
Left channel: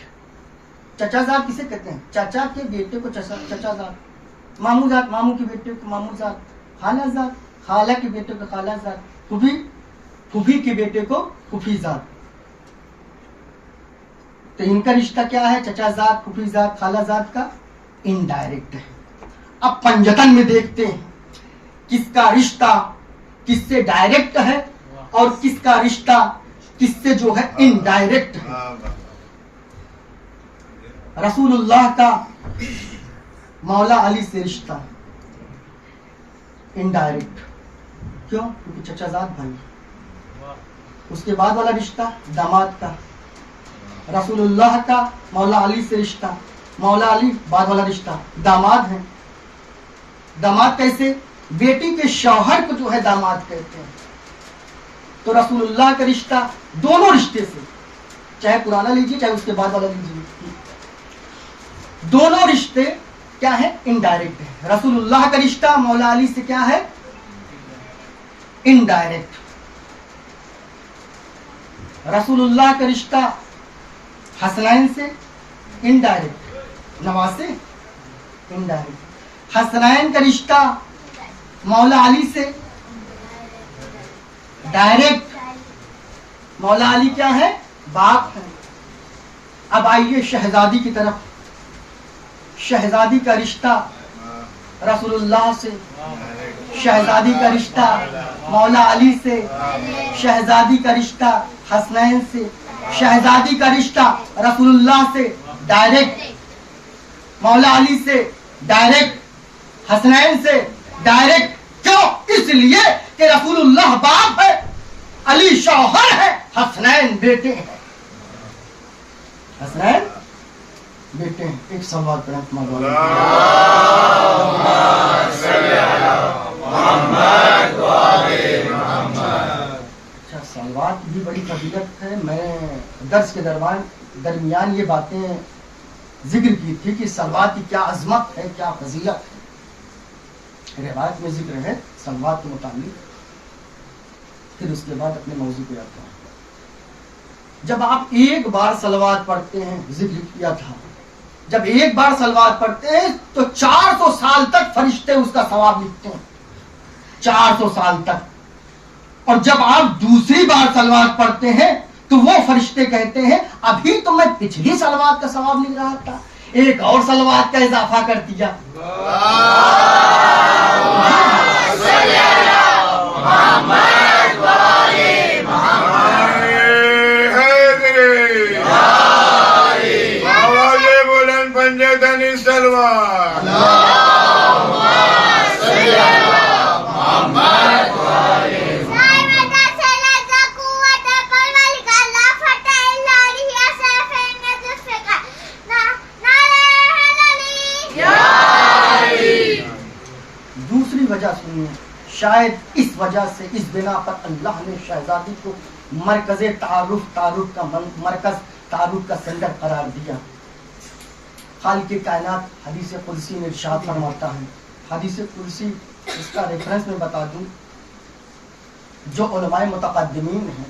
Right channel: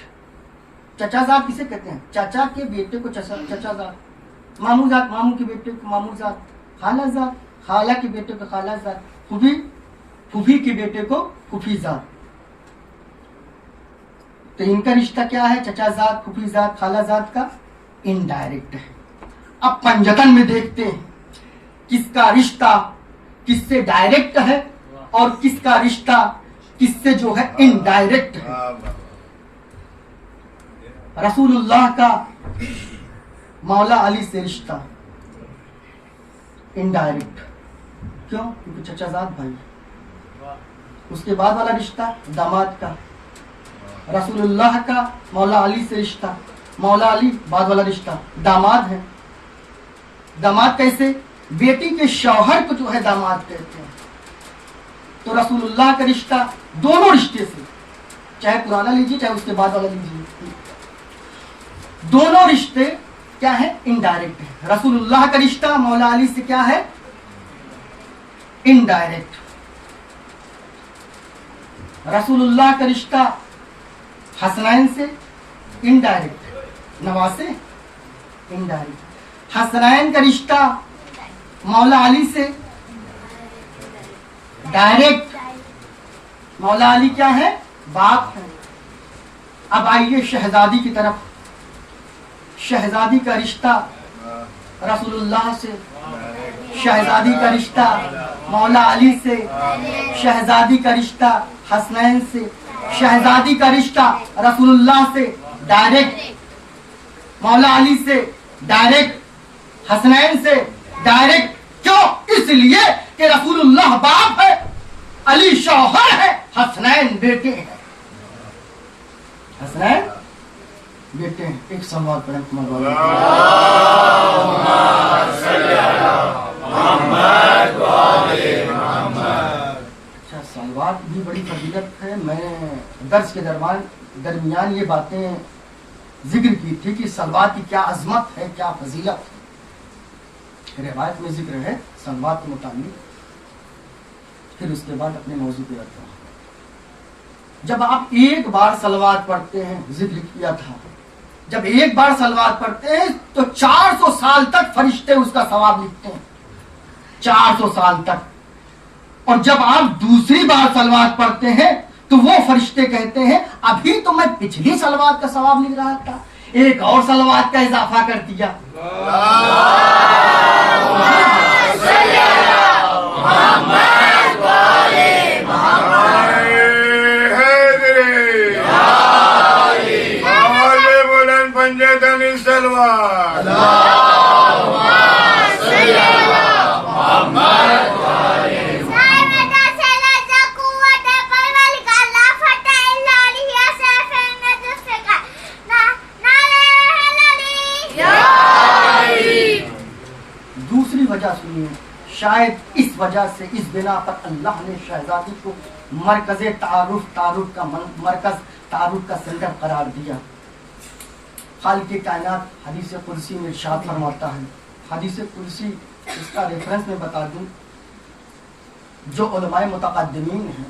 چچا زاد کسے کہتے ہیں؟ چچا کے بیٹے کو چچا زاد، ماموں زاد ماموں کے بیٹے کو ماموں زاد، خالہ زاد خالہ کے بیٹے کو خالہ زاد، پھوپھی پھوپھی کے بیٹے کو پھوپھی زاد۔ تو ان کا رشتہ کیا ہے؟ چچا زاد، پھوپھی زاد، خالہ زاد کا انڈائریکٹ ہے۔ اب پنجتن میں دیکھتے ہیں کس کا رشتہ کس سے ڈائریکٹ ہے اور کس کا رشتہ کس سے جو ہے انڈائریکٹ ہے۔ رسول اللہ کا مولا علی سے رشتہ انڈائریکٹ، کیوں؟ کیونکہ چچا زاد بھائی۔ اس کے بعد والا رشتہ داماد کا، رسول اللہ کا مولا علی سے رشتہ، مولا علی بعد والا رشتہ داماد ہے۔ داماد کیسے؟ بیٹی کے شوہر کو جو ہے داماد کہتے ہیں، تو رسول اللہ کا رشتہ دونوں رشتے سے، چاہے پرانا لیجیے چاہے اس کے بعد والا لیجیے، دونوں رشتے کیا ہے؟ انڈائریکٹ ہے۔ رسول اللہ کا رشتہ مولا علی سے کیا ہے؟ انڈائریکٹ۔ رسول اللہ کا رشتہ حسنین سے انڈائریکٹ، نواسے انڈائریکٹ۔ حسنین کا رشتہ مولا علی سے ڈائریکٹ، مولا علی کیا ہے؟ باپ ہے۔ اب آئیے شہزادی کی طرف، شہزادی کا رشتہ رسول اللہ سے، شہزادی کا رشتہ مولا علی سے، شہزادی کا رشتہ حسنین سے، شہزادی کا رشتہ رسول اللہ سے ڈائریکٹ، مولا علی سے ڈائریکٹ، حسنین سے ڈائریکٹ۔ کیوں؟ اس لیے کہ رسول اللہ باپ ہے، علی شوہر ہے، حسنین بیٹے ہیں، حسنین بیٹے ہیں۔ ایک سوال پر سلوات بھی بڑی فضیلت ہے۔ میں درس کے درمیان یہ باتیں ذکر کی تھی کہ سلوات کی کیا عظمت ہے، کیا فضیلت ہے۔ روایت میں ذکر ہے سلوات کے متعلق، پھر اس کے بعد اپنے موضوع پہ آتا ہوں۔ جب آپ ایک بار سلوات پڑھتے ہیں، ذکر کیا تھا، جب ایک بار سلوات پڑھتے ہیں تو 400 سال تک فرشتے اس کا ثواب لکھتے ہیں، 400 سال تک۔ اور جب آپ دوسری بار سلوات پڑھتے ہیں تو وہ فرشتے کہتے ہیں ابھی تو میں پچھلی سلوات کا ثواب لکھ رہا تھا، ایک اور سلوات کا اضافہ کر دیا۔ دوسری وجہ سنیے، شاید اس وجہ سے، اس بنا پر اللہ نے شہزادی کو مرکز تعارف کا سینٹر قرار دیا۔ خالق کائنات حدیث قدسی میں ارشاد فرماتا ہے، حدیث قدسی اس کا ریفرنس میں بتا دوں، جو علماء متقدمین ہیں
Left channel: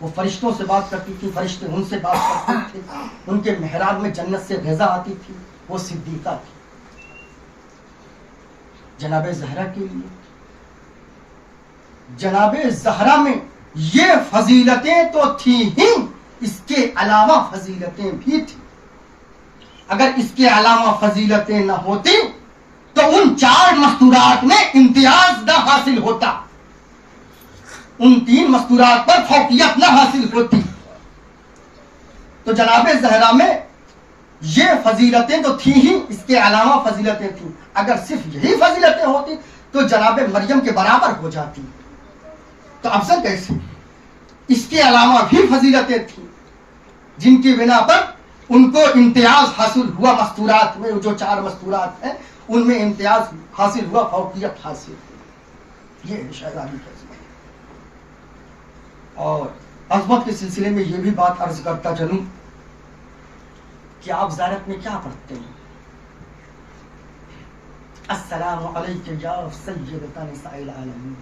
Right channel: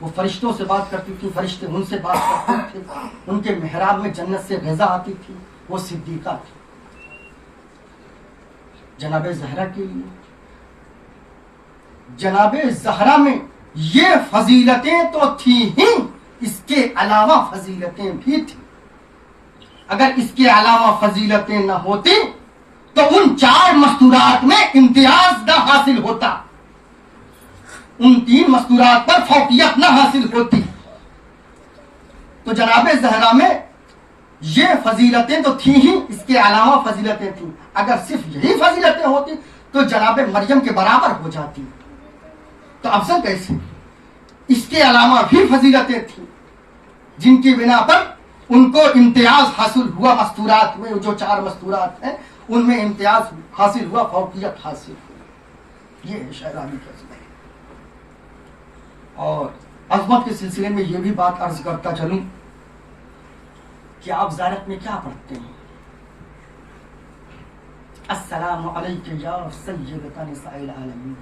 وہ فرشتوں سے بات کرتی تھی، فرشتے ان سے بات کرتے تھے، ان کے محراب میں جنت سے غذا آتی تھی، وہ صدیقہ تھی۔ جناب زہرا کے لیے، جناب زہرا میں یہ فضیلتیں تو تھیں ہی، اس کے علاوہ فضیلتیں بھی تھیں۔ اگر اس کے علاوہ فضیلتیں نہ ہوتی تو ان 4 مستورات میں امتیاز نہ حاصل ہوتا، ان 3 مستورات پر فوقیت نہ حاصل ہوتی۔ تو جناب زہرا میں یہ فضیلتیں تو تھیں ہی، اس کے علاوہ فضیلتیں تھیں۔ اگر صرف یہی فضیلتیں ہوتی تو جناب مریم کے برابر ہو جاتی، تو افضل کیسے؟ اس کے علاوہ بھی فضیلتیں تھیں جن کی بنا پر ان کو امتیاز حاصل ہوا، مستورات میں جو 4 مستورات ہیں ان میں امتیاز حاصل ہوا، فوقیت حاصل ہوئی۔ یہ ہے شہرابی کا عظمت۔ اور عظمت کے سلسلے میں یہ بھی بات عرض کرتا چلوں کہ آپ زیارت میں کیا پڑھتے ہیں؟ السلام علیکم یا سیدۃ نساء العالمین،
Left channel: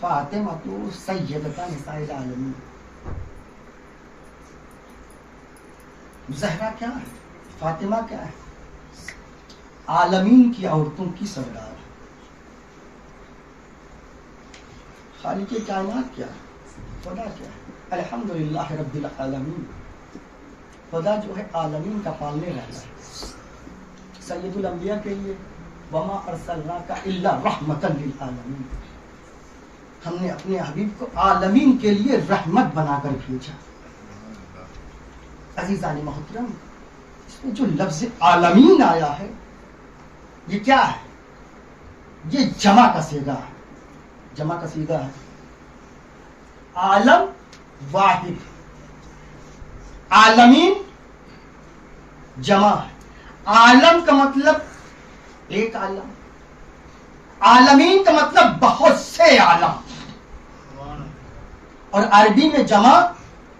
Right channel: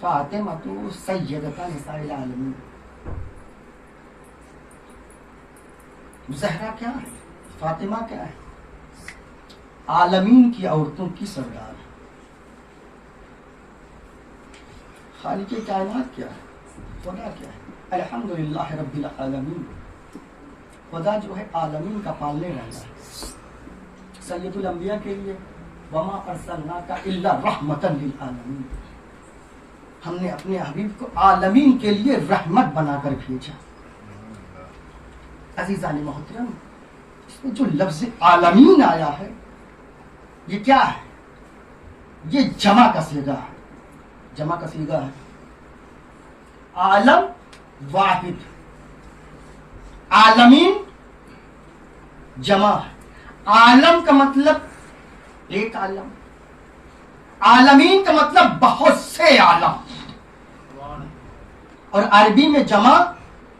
فاطمہ سیدۃ نساء العالمین۔ زہرا کیا ہے؟ فاطمہ کیا ہے؟ عالمین کی عورتوں کی سردار ہے۔ خالق کائنات کیا ہے؟ خدا کیا ہے؟ الحمدللہ رب العالمین۔ خدا جو ہے عالمین کا پالنے والا ہے۔ سید الانبیاء کے لیے وما ارسلناک الا رحمتا للعالمین، ہم نے اپنے حبیب کو عالمین کے لیے رحمت بنا کر بھیجا۔ عزیزان محترم، اس میں جو لفظ عالمین آیا ہے یہ کیا ہے؟ یہ جمع کا صیغہ ہے، جمع کا صیغہ ہے۔ عالم واحد، عالمین جمع ہے۔ عالم کا مطلب ایک عالم، عالمین کا مطلب بہت سے عالم، اور عربی میں جمع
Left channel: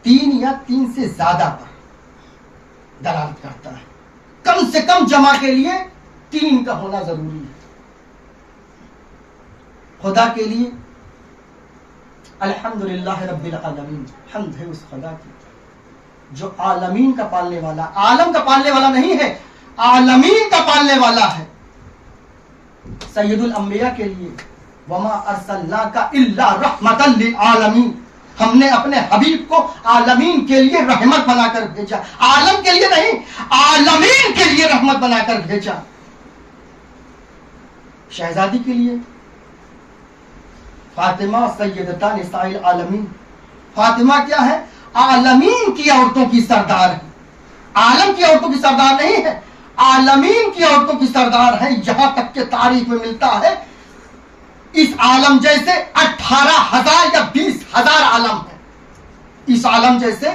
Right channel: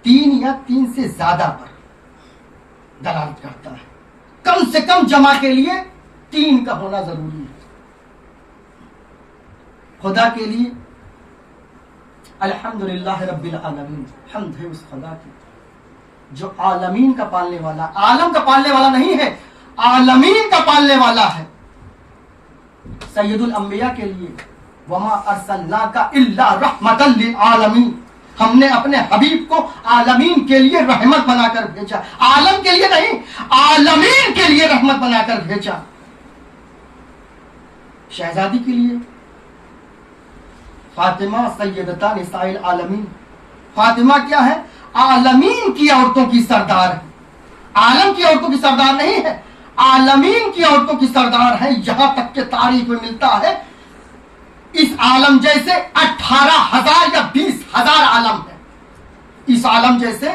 3 یا 3 سے زیادہ پر دلالت کرتا ہے۔ کم سے کم جمع کے لیے 3 کا ہونا ضروری ہے۔ خدا کے لیے الحمدللہ رب العالمین، حمد ہے اس خدا کی جو عالمین کا پالنے والا، عالم کا پالنے والا نہیں ہے، عالمین کا پالنے والا ہے۔ سید الانبیاء کے لیے وما ارسلناک الا رحمتا للعالمین، ہم نے اپنے حبیب کو عالمین کے لیے رحمت بنا کر بھیجا، عالم کے لیے نہیں، عالمین کے لیے رحمت بنا کر بھیجا۔ شہزادی کے لیے فاطمہ سیدۃ نساء العالمین، فاطمہ کیا ہے؟ عالمین کی عورتوں کی سردار ہے، عالم کی عورتوں کی سردار نہیں ہے، عالمین کی عورتوں کی سردار ہے۔ یہاں تک کہ تاریخ میں ملتا ہے اس عالم جیسے 18,000 یا 20,000 عالم ہے، اس عالم جیسے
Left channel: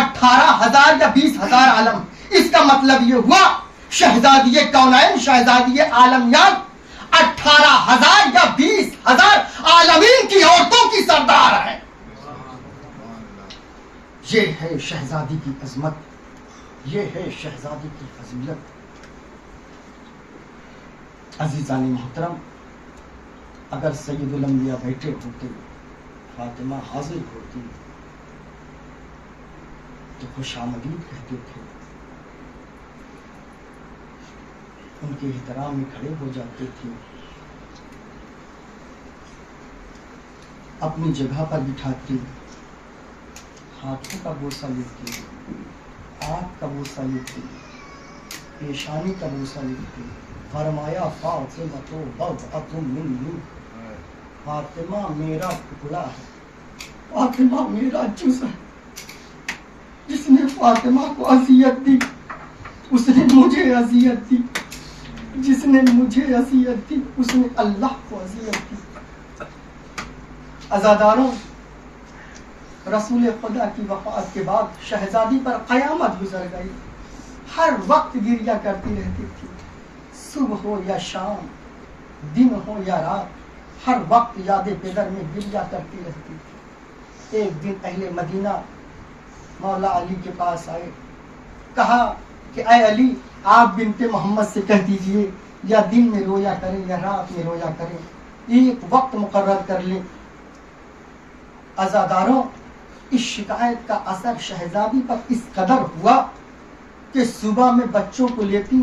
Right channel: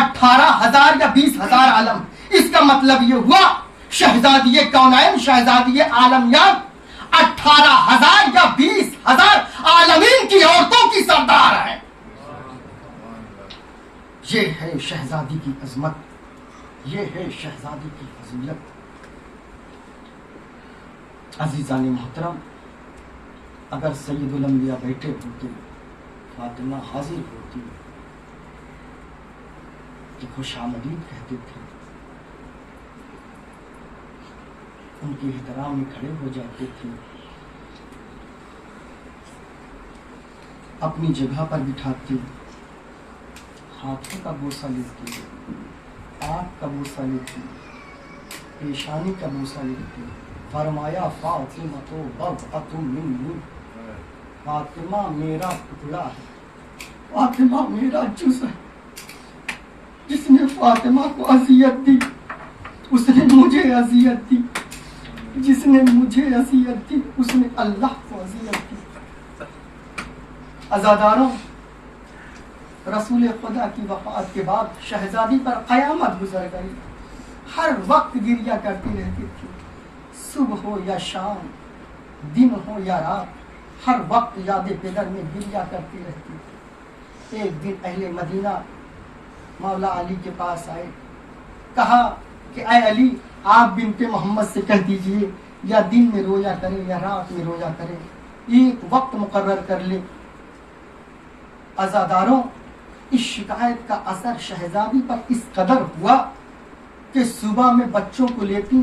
18,000 یا 20,000 عالم۔ اس کا مطلب یہ ہوا شہزادی کونین، شہزادی عالمیات 18,000 یا 20,000 عالمین کی عورتوں کی سردار ہے۔ یہ ہے شہزادی کی عظمت، یہ ہے شہزادی کی فضیلت۔ عزیزان محترم، اگر سید الانبیاء بیٹھے ہوتے، فاطمہ حاضر ہوتی تو خوش آمدید کہتے تھے، ان کے احترام میں کھڑے ہو جاتے تھے، اپنی جگہ پر بٹھاتے، ہاتھوں کا بوسہ لیتے، آنکھ کا بوسہ لیتے، پیشانی کا بوسہ لیتے۔ فرمایا فاطمہ تو بضعۃ منی، فاطمہ میرا ٹکڑا ہے، فاطمہ میرا جز ہے۔ جس نے فاطمہ کو اذیت دی اس نے مجھے اذیت دی، جس نے مجھے اذیت دی اس نے اللہ کو اذیت دی۔ عزاداروں، رسول خدا کی وفات کے بعد شہزادی پر قیامت گزر گئی، ہر وقت گریہ کرتی رہتی تھی، صبح ہو یا شام، دن ہو یا رات، ہر وقت یاد پدر میں گریہ کرتی رہتی تھی۔ ایک دن اہل مدینہ مولا علی کے پاس آئے، کہا کہ اے علی، آپ بنت محمد سے کہہ دیجئے یا دن میں رویا کریں یا رات میں رویا کریں، ایک وقت مقرر کر لیں عزاداروں، اس شکایت کا اثر شہزادی پر اس قدر ہوا کہ صبح میں بچوں کو لیتی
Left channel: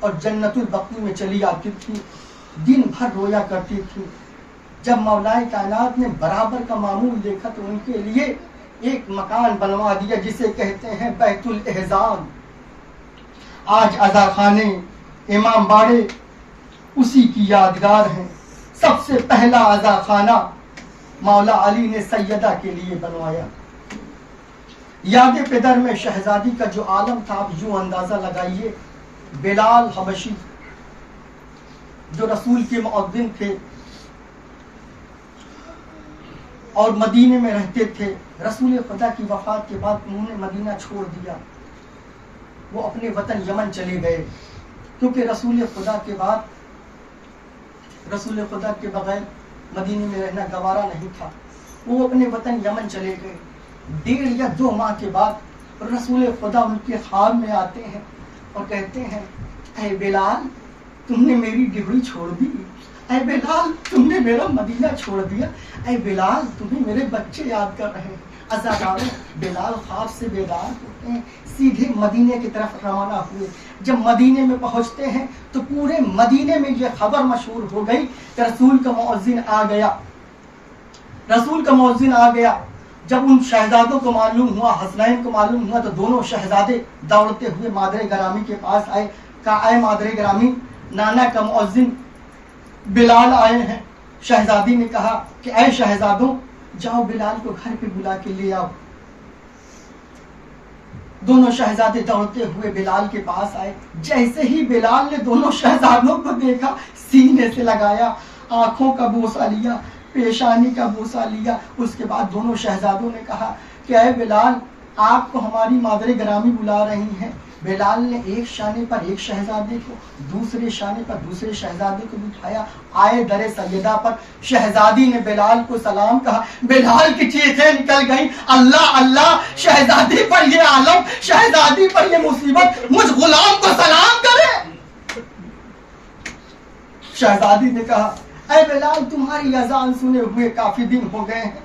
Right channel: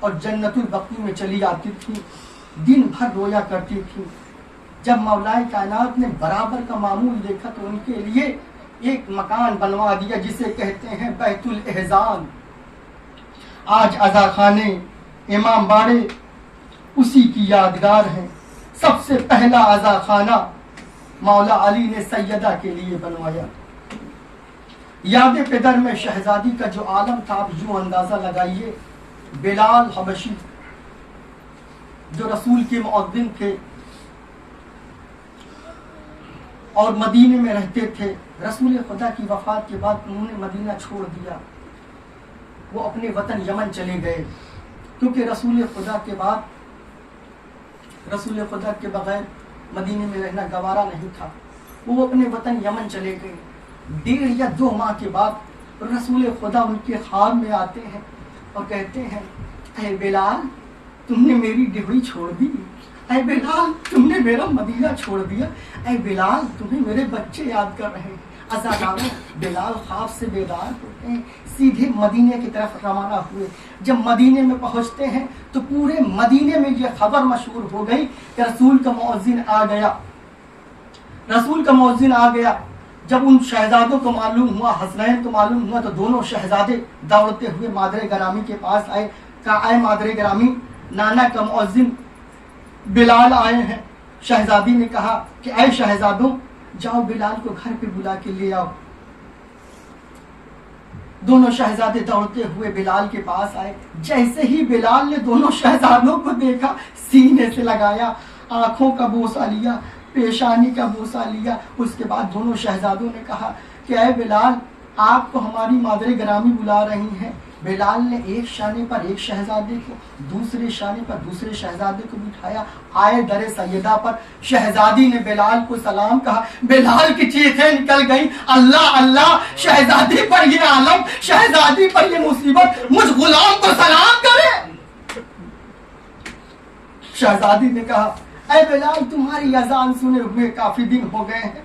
اور جنت البقیع میں چلی آتی تھی، دن بھر رویا کرتی تھی۔ جب مولائے کائنات نے برابر کا معمول دیکھا تو ان کے لیے ایک مکان بنوا دیا جسے کہتے ہیں بیت الاحزان۔ آج عزا خانے، امام باڑے اسی کی یادگار ہیں۔ سب سے پہلا عزا خانہ مولا علی نے سیدہ کے لیے بنوایا۔ یاد پدر میں شہزادی کا جو عالم تھا، آپ یوں اندازہ لگائیے، بلال حبشی جو رسول کے مؤذن تھے اور مدینے میں رہتے تھے، رسول خدا کی وفات کے بعد انہوں نے مدینہ چھوڑ دیا، وہ اپنے وطن یمن چلے گئے، کیونکہ رسول خدا کے بغیر مدینے میں رہنا گوارا نہیں تھا، وہ اپنے وطن یمن چلے گئے۔ 1.5 یا 2 ماہ کے بعد رسول خدا ان کے خواب میں آتے ہیں اور کہتے ہیں، اے بلال تم نے میری ڈیوڑی چھوڑ دی، اے بلال تم نے میرا مدینہ چھوڑ دیا، اے بلال تمہیں میرے بچے یاد کر رہے ہیں۔ عزاداروں، بلال خواب سے بیدار ہوتے ہیں، سیدھے مدینے کی طرف روانہ ہوئے۔ جب مدینے میں پہنچتے ہیں تو پورے مدینے میں یہ خبر مشہور ہو گئی کہ رسول کا مؤذن آ گیا۔ جب ان شہزادوں کو معلوم ہوا، حسنین کو معلوم ہوا، تو دونوں شہزادے دوڑتے ہوئے مادر گرامی کے پاس آئے، کہا اے مادر گرامی، نانا کا مؤذن بلال آئے ہیں۔ شہزادی نے کہا کہ اے شہزادوں، جاؤ بلال کو گھر پہ بلا کے لے آؤ۔ دونوں شہزادے دوڑتے ہوئے بلال کے پاس آئے۔ جیسے ہی بلال نے دونوں شہزادوں کو دیکھا، سینے سے لگایا، آنکھوں کا بوسہ لیا، پیشانی کا بوسہ لیا۔ اس کے بعد دونوں شہزادوں نے کہا کہ اے بلال، آپ کو ہماری مادر گرامی بلا رہی ہیں۔ بلال نے ایک شانے پر ایک شہزادے کو، دوسرے شانے پر دوسرے شہزادے کو بٹھایا۔ آئے در سیدہ پر شہزادی نے بلال کو سلام کہا، بلال کی چیخیں نکل گئیں، اللہ اللہ، شہزادی پر یہ عالم، شہزادی پر یہ مصیبت، مجھ غلام کو سلام کرے۔ شہزادی نے کہا اے بلال، تمہاری اذان سنے ہوئے کافی دن ہو گئے ہیں،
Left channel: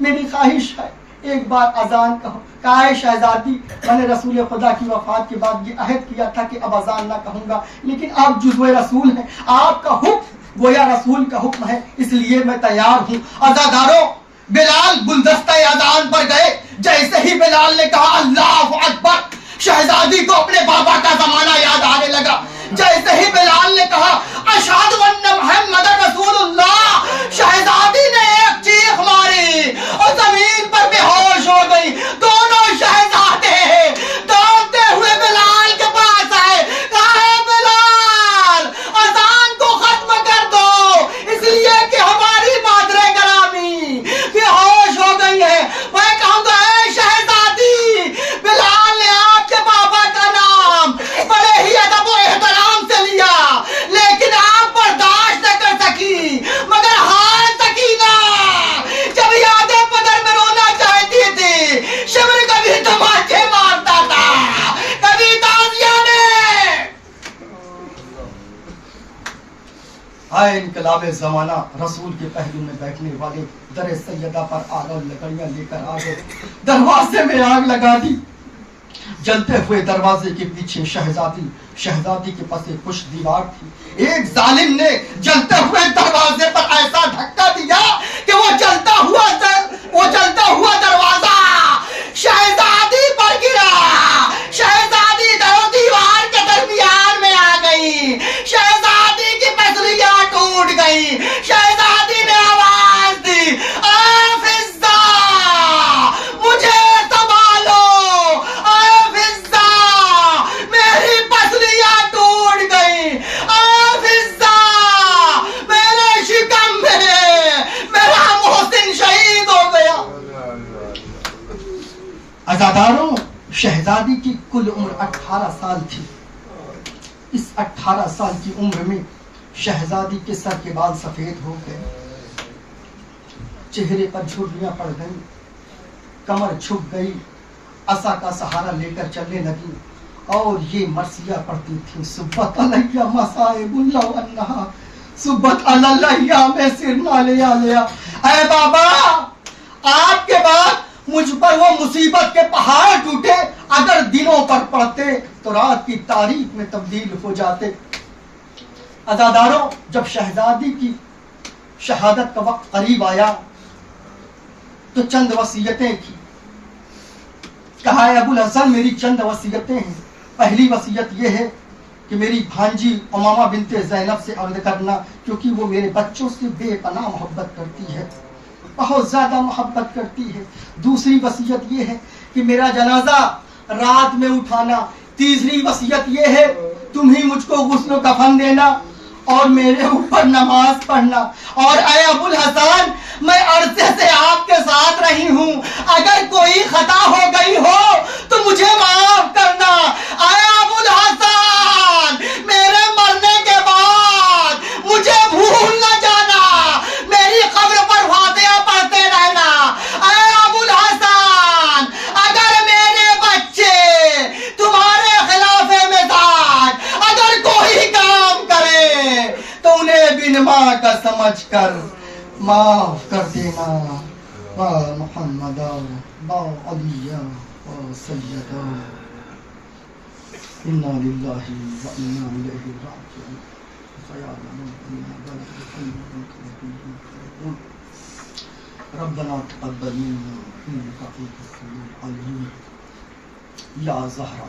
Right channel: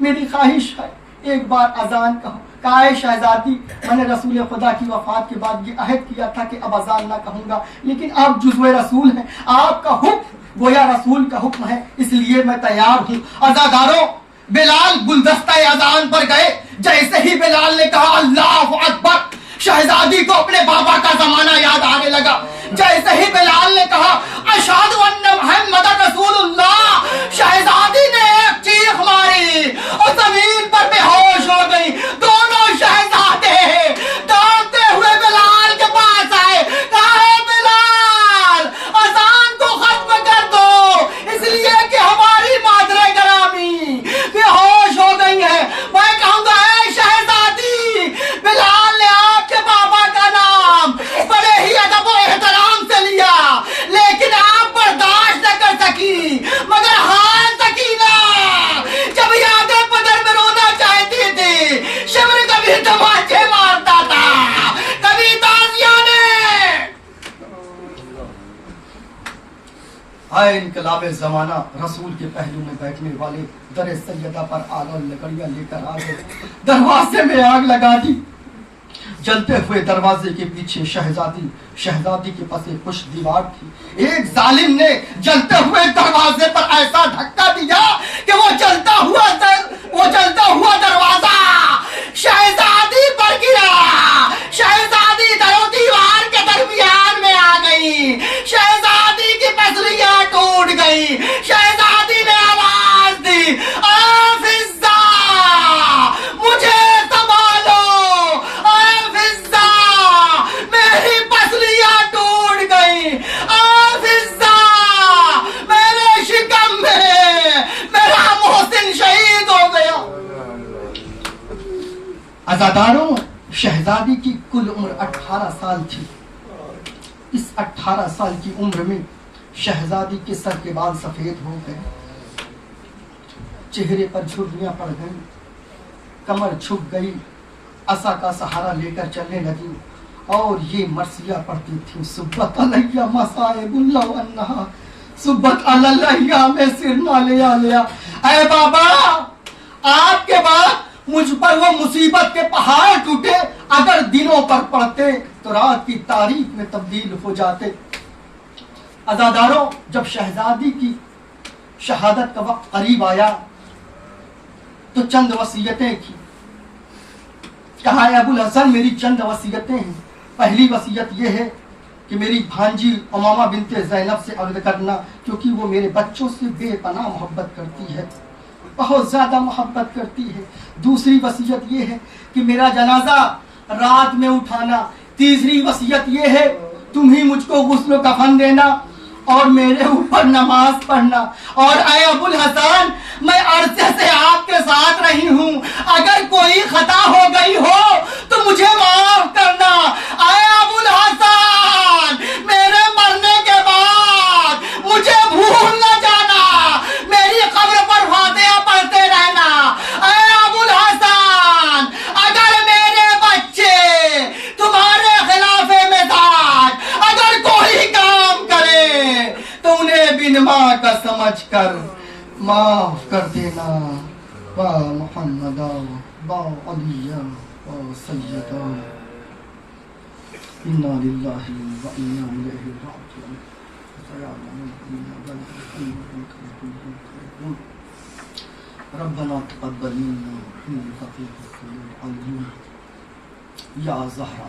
میری خواہش ہے ایک بار اذان کہو۔ کہا اے شہزادی، میں نے رسول خدا کی وفات کے بعد یہ عہد کیا تھا کہ اب اذان نہ کہوں گا، لیکن آپ جزو رسول ہیں، آپ کا حکم گویا رسول کا حکم ہے، اس لیے میں تیار ہوں۔ عزاداروں، بلال گلدستہ اذان پر گئے۔ جیسے ہی بلال نے کہا اللہ اکبر، شہزادی کو اپنے بابا کا زمانہ یاد آنے لگا۔ جیسے ہی بلال نے کہا اشہد ان محمد رسول اللہ، شہزادی نے ایک چیخ ماری اور زمین پر بے ہوش ہو گئی۔ دونوں شہزادے دوڑتے ہوئے بلال کے پاس آئے، کہا اے بلال، اذان کو ختم کر دو، اس لیے کہ ہماری مادر گرامی بے ہوش ہو گئی ہے۔ میں کہوں گا اے شہزادی، بلال نے آپ کے بابا کا نام بڑے ہی ادب و احترام سے لیا، لیکن آپ برداشت نہ کر سکی، مگر ہار سکینہ جب یاد پدر میں رونا چاہتی تھی، شمر کبھی تماچے مارتا تھا، کبھی تازیاں نے۔ آئے انقلاب زمانہ، رسول کے پہلو میں بیٹھنے والے در سیدہ پر آلہ لکڑیاں لے کر آ گئے، دروازے میں آگ لگا دی۔ جلتے ہوئے دروازے کے پیچھے شہزادی کے پاس ایک خوش دیوار تھی۔ ایک ظالم نے جلتے ہوئے دروازے پر ایسا دھکا دیا کہ وہ جلتا ہوا دروازہ شہزادی پر گرا۔ شہزادی در و دیوار کے درمیان میں آ گئی، شہزادی کی پسلیاں ٹوٹ گئی۔ شہزادی نے آواز دی، اے فضہ مجھے سنبھالو، اے فضہ میری پسلیاں ٹوٹ گئی، اے فضہ میرے شکم میں میرا محسن شہید ہو گیا۔ عزاداروں، شہزادی کی کل عمر 18 سال تھی۔ اس 18 سال کی عمر میں شہزادی کے سر کے بال سفید ہو گئے، چہرے پر جھریاں پڑ گئیں، کمر جھک گئی، عصا کا سہارا لے کر چلنے لگی اور یہ مرثیہ پڑھتی تھی، صبت علیہ مصائب اللہ انہا، صبت علیہ میں سرنا لیا۔ اے بابا، آپ کے بعد مجھ پر وہ مصیبت کے پہاڑ ٹوٹے، اگر دنوں پر پڑتے تو رات کی تاریخ میں تبدیل ہو جاتے۔ عزاداروں، جب شہزادی کی شہادت کا وقت قریب آیا تو چند وصیتیں کی۔ کہا ہے ابو الحسن میری چند وصیتیں ہیں۔ پہلی وصیت یہ ہے کہ میری بھانجی امامہ بنت زینب سے عہد کرنا، کیونکہ وہ میرے بچوں سے بے پناہ محبت کرتی ہے، بہت زیادہ محبت کرتی ہے۔ دوسری وصیت یہ ہے کہ میرا جنازہ رات میں اٹھانا۔ تیسری وصیت یہ ہے تم ہی مجھ کو غسل و کفن دینا اور میرے اوپر نماز پڑھنا۔ اور اے ابو الحسن، میں عرصے سے آپ کے ساتھ رہی ہوں، اگر کوئی خطا ہو گئی ہو تو مجھے معاف کرنا۔ اے ابو الحسن، میرے مرنے کے بعد مجھے بھول نہ جانا، میری قبر پر فاتحہ پڑھتے رہنا۔ اے ابو الحسن، اگر میرے بچے تمہارے خلاف مزاج اگر کوئی کام کرے تو انہیں بن ماں کا سمجھ کر معاف کر دینا۔ با محمد با علی با سیدہ، انا للہ و انا الیہ راجعون۔ ربنا تقبل منا انک انت السمیع العلیم۔ یا زہرا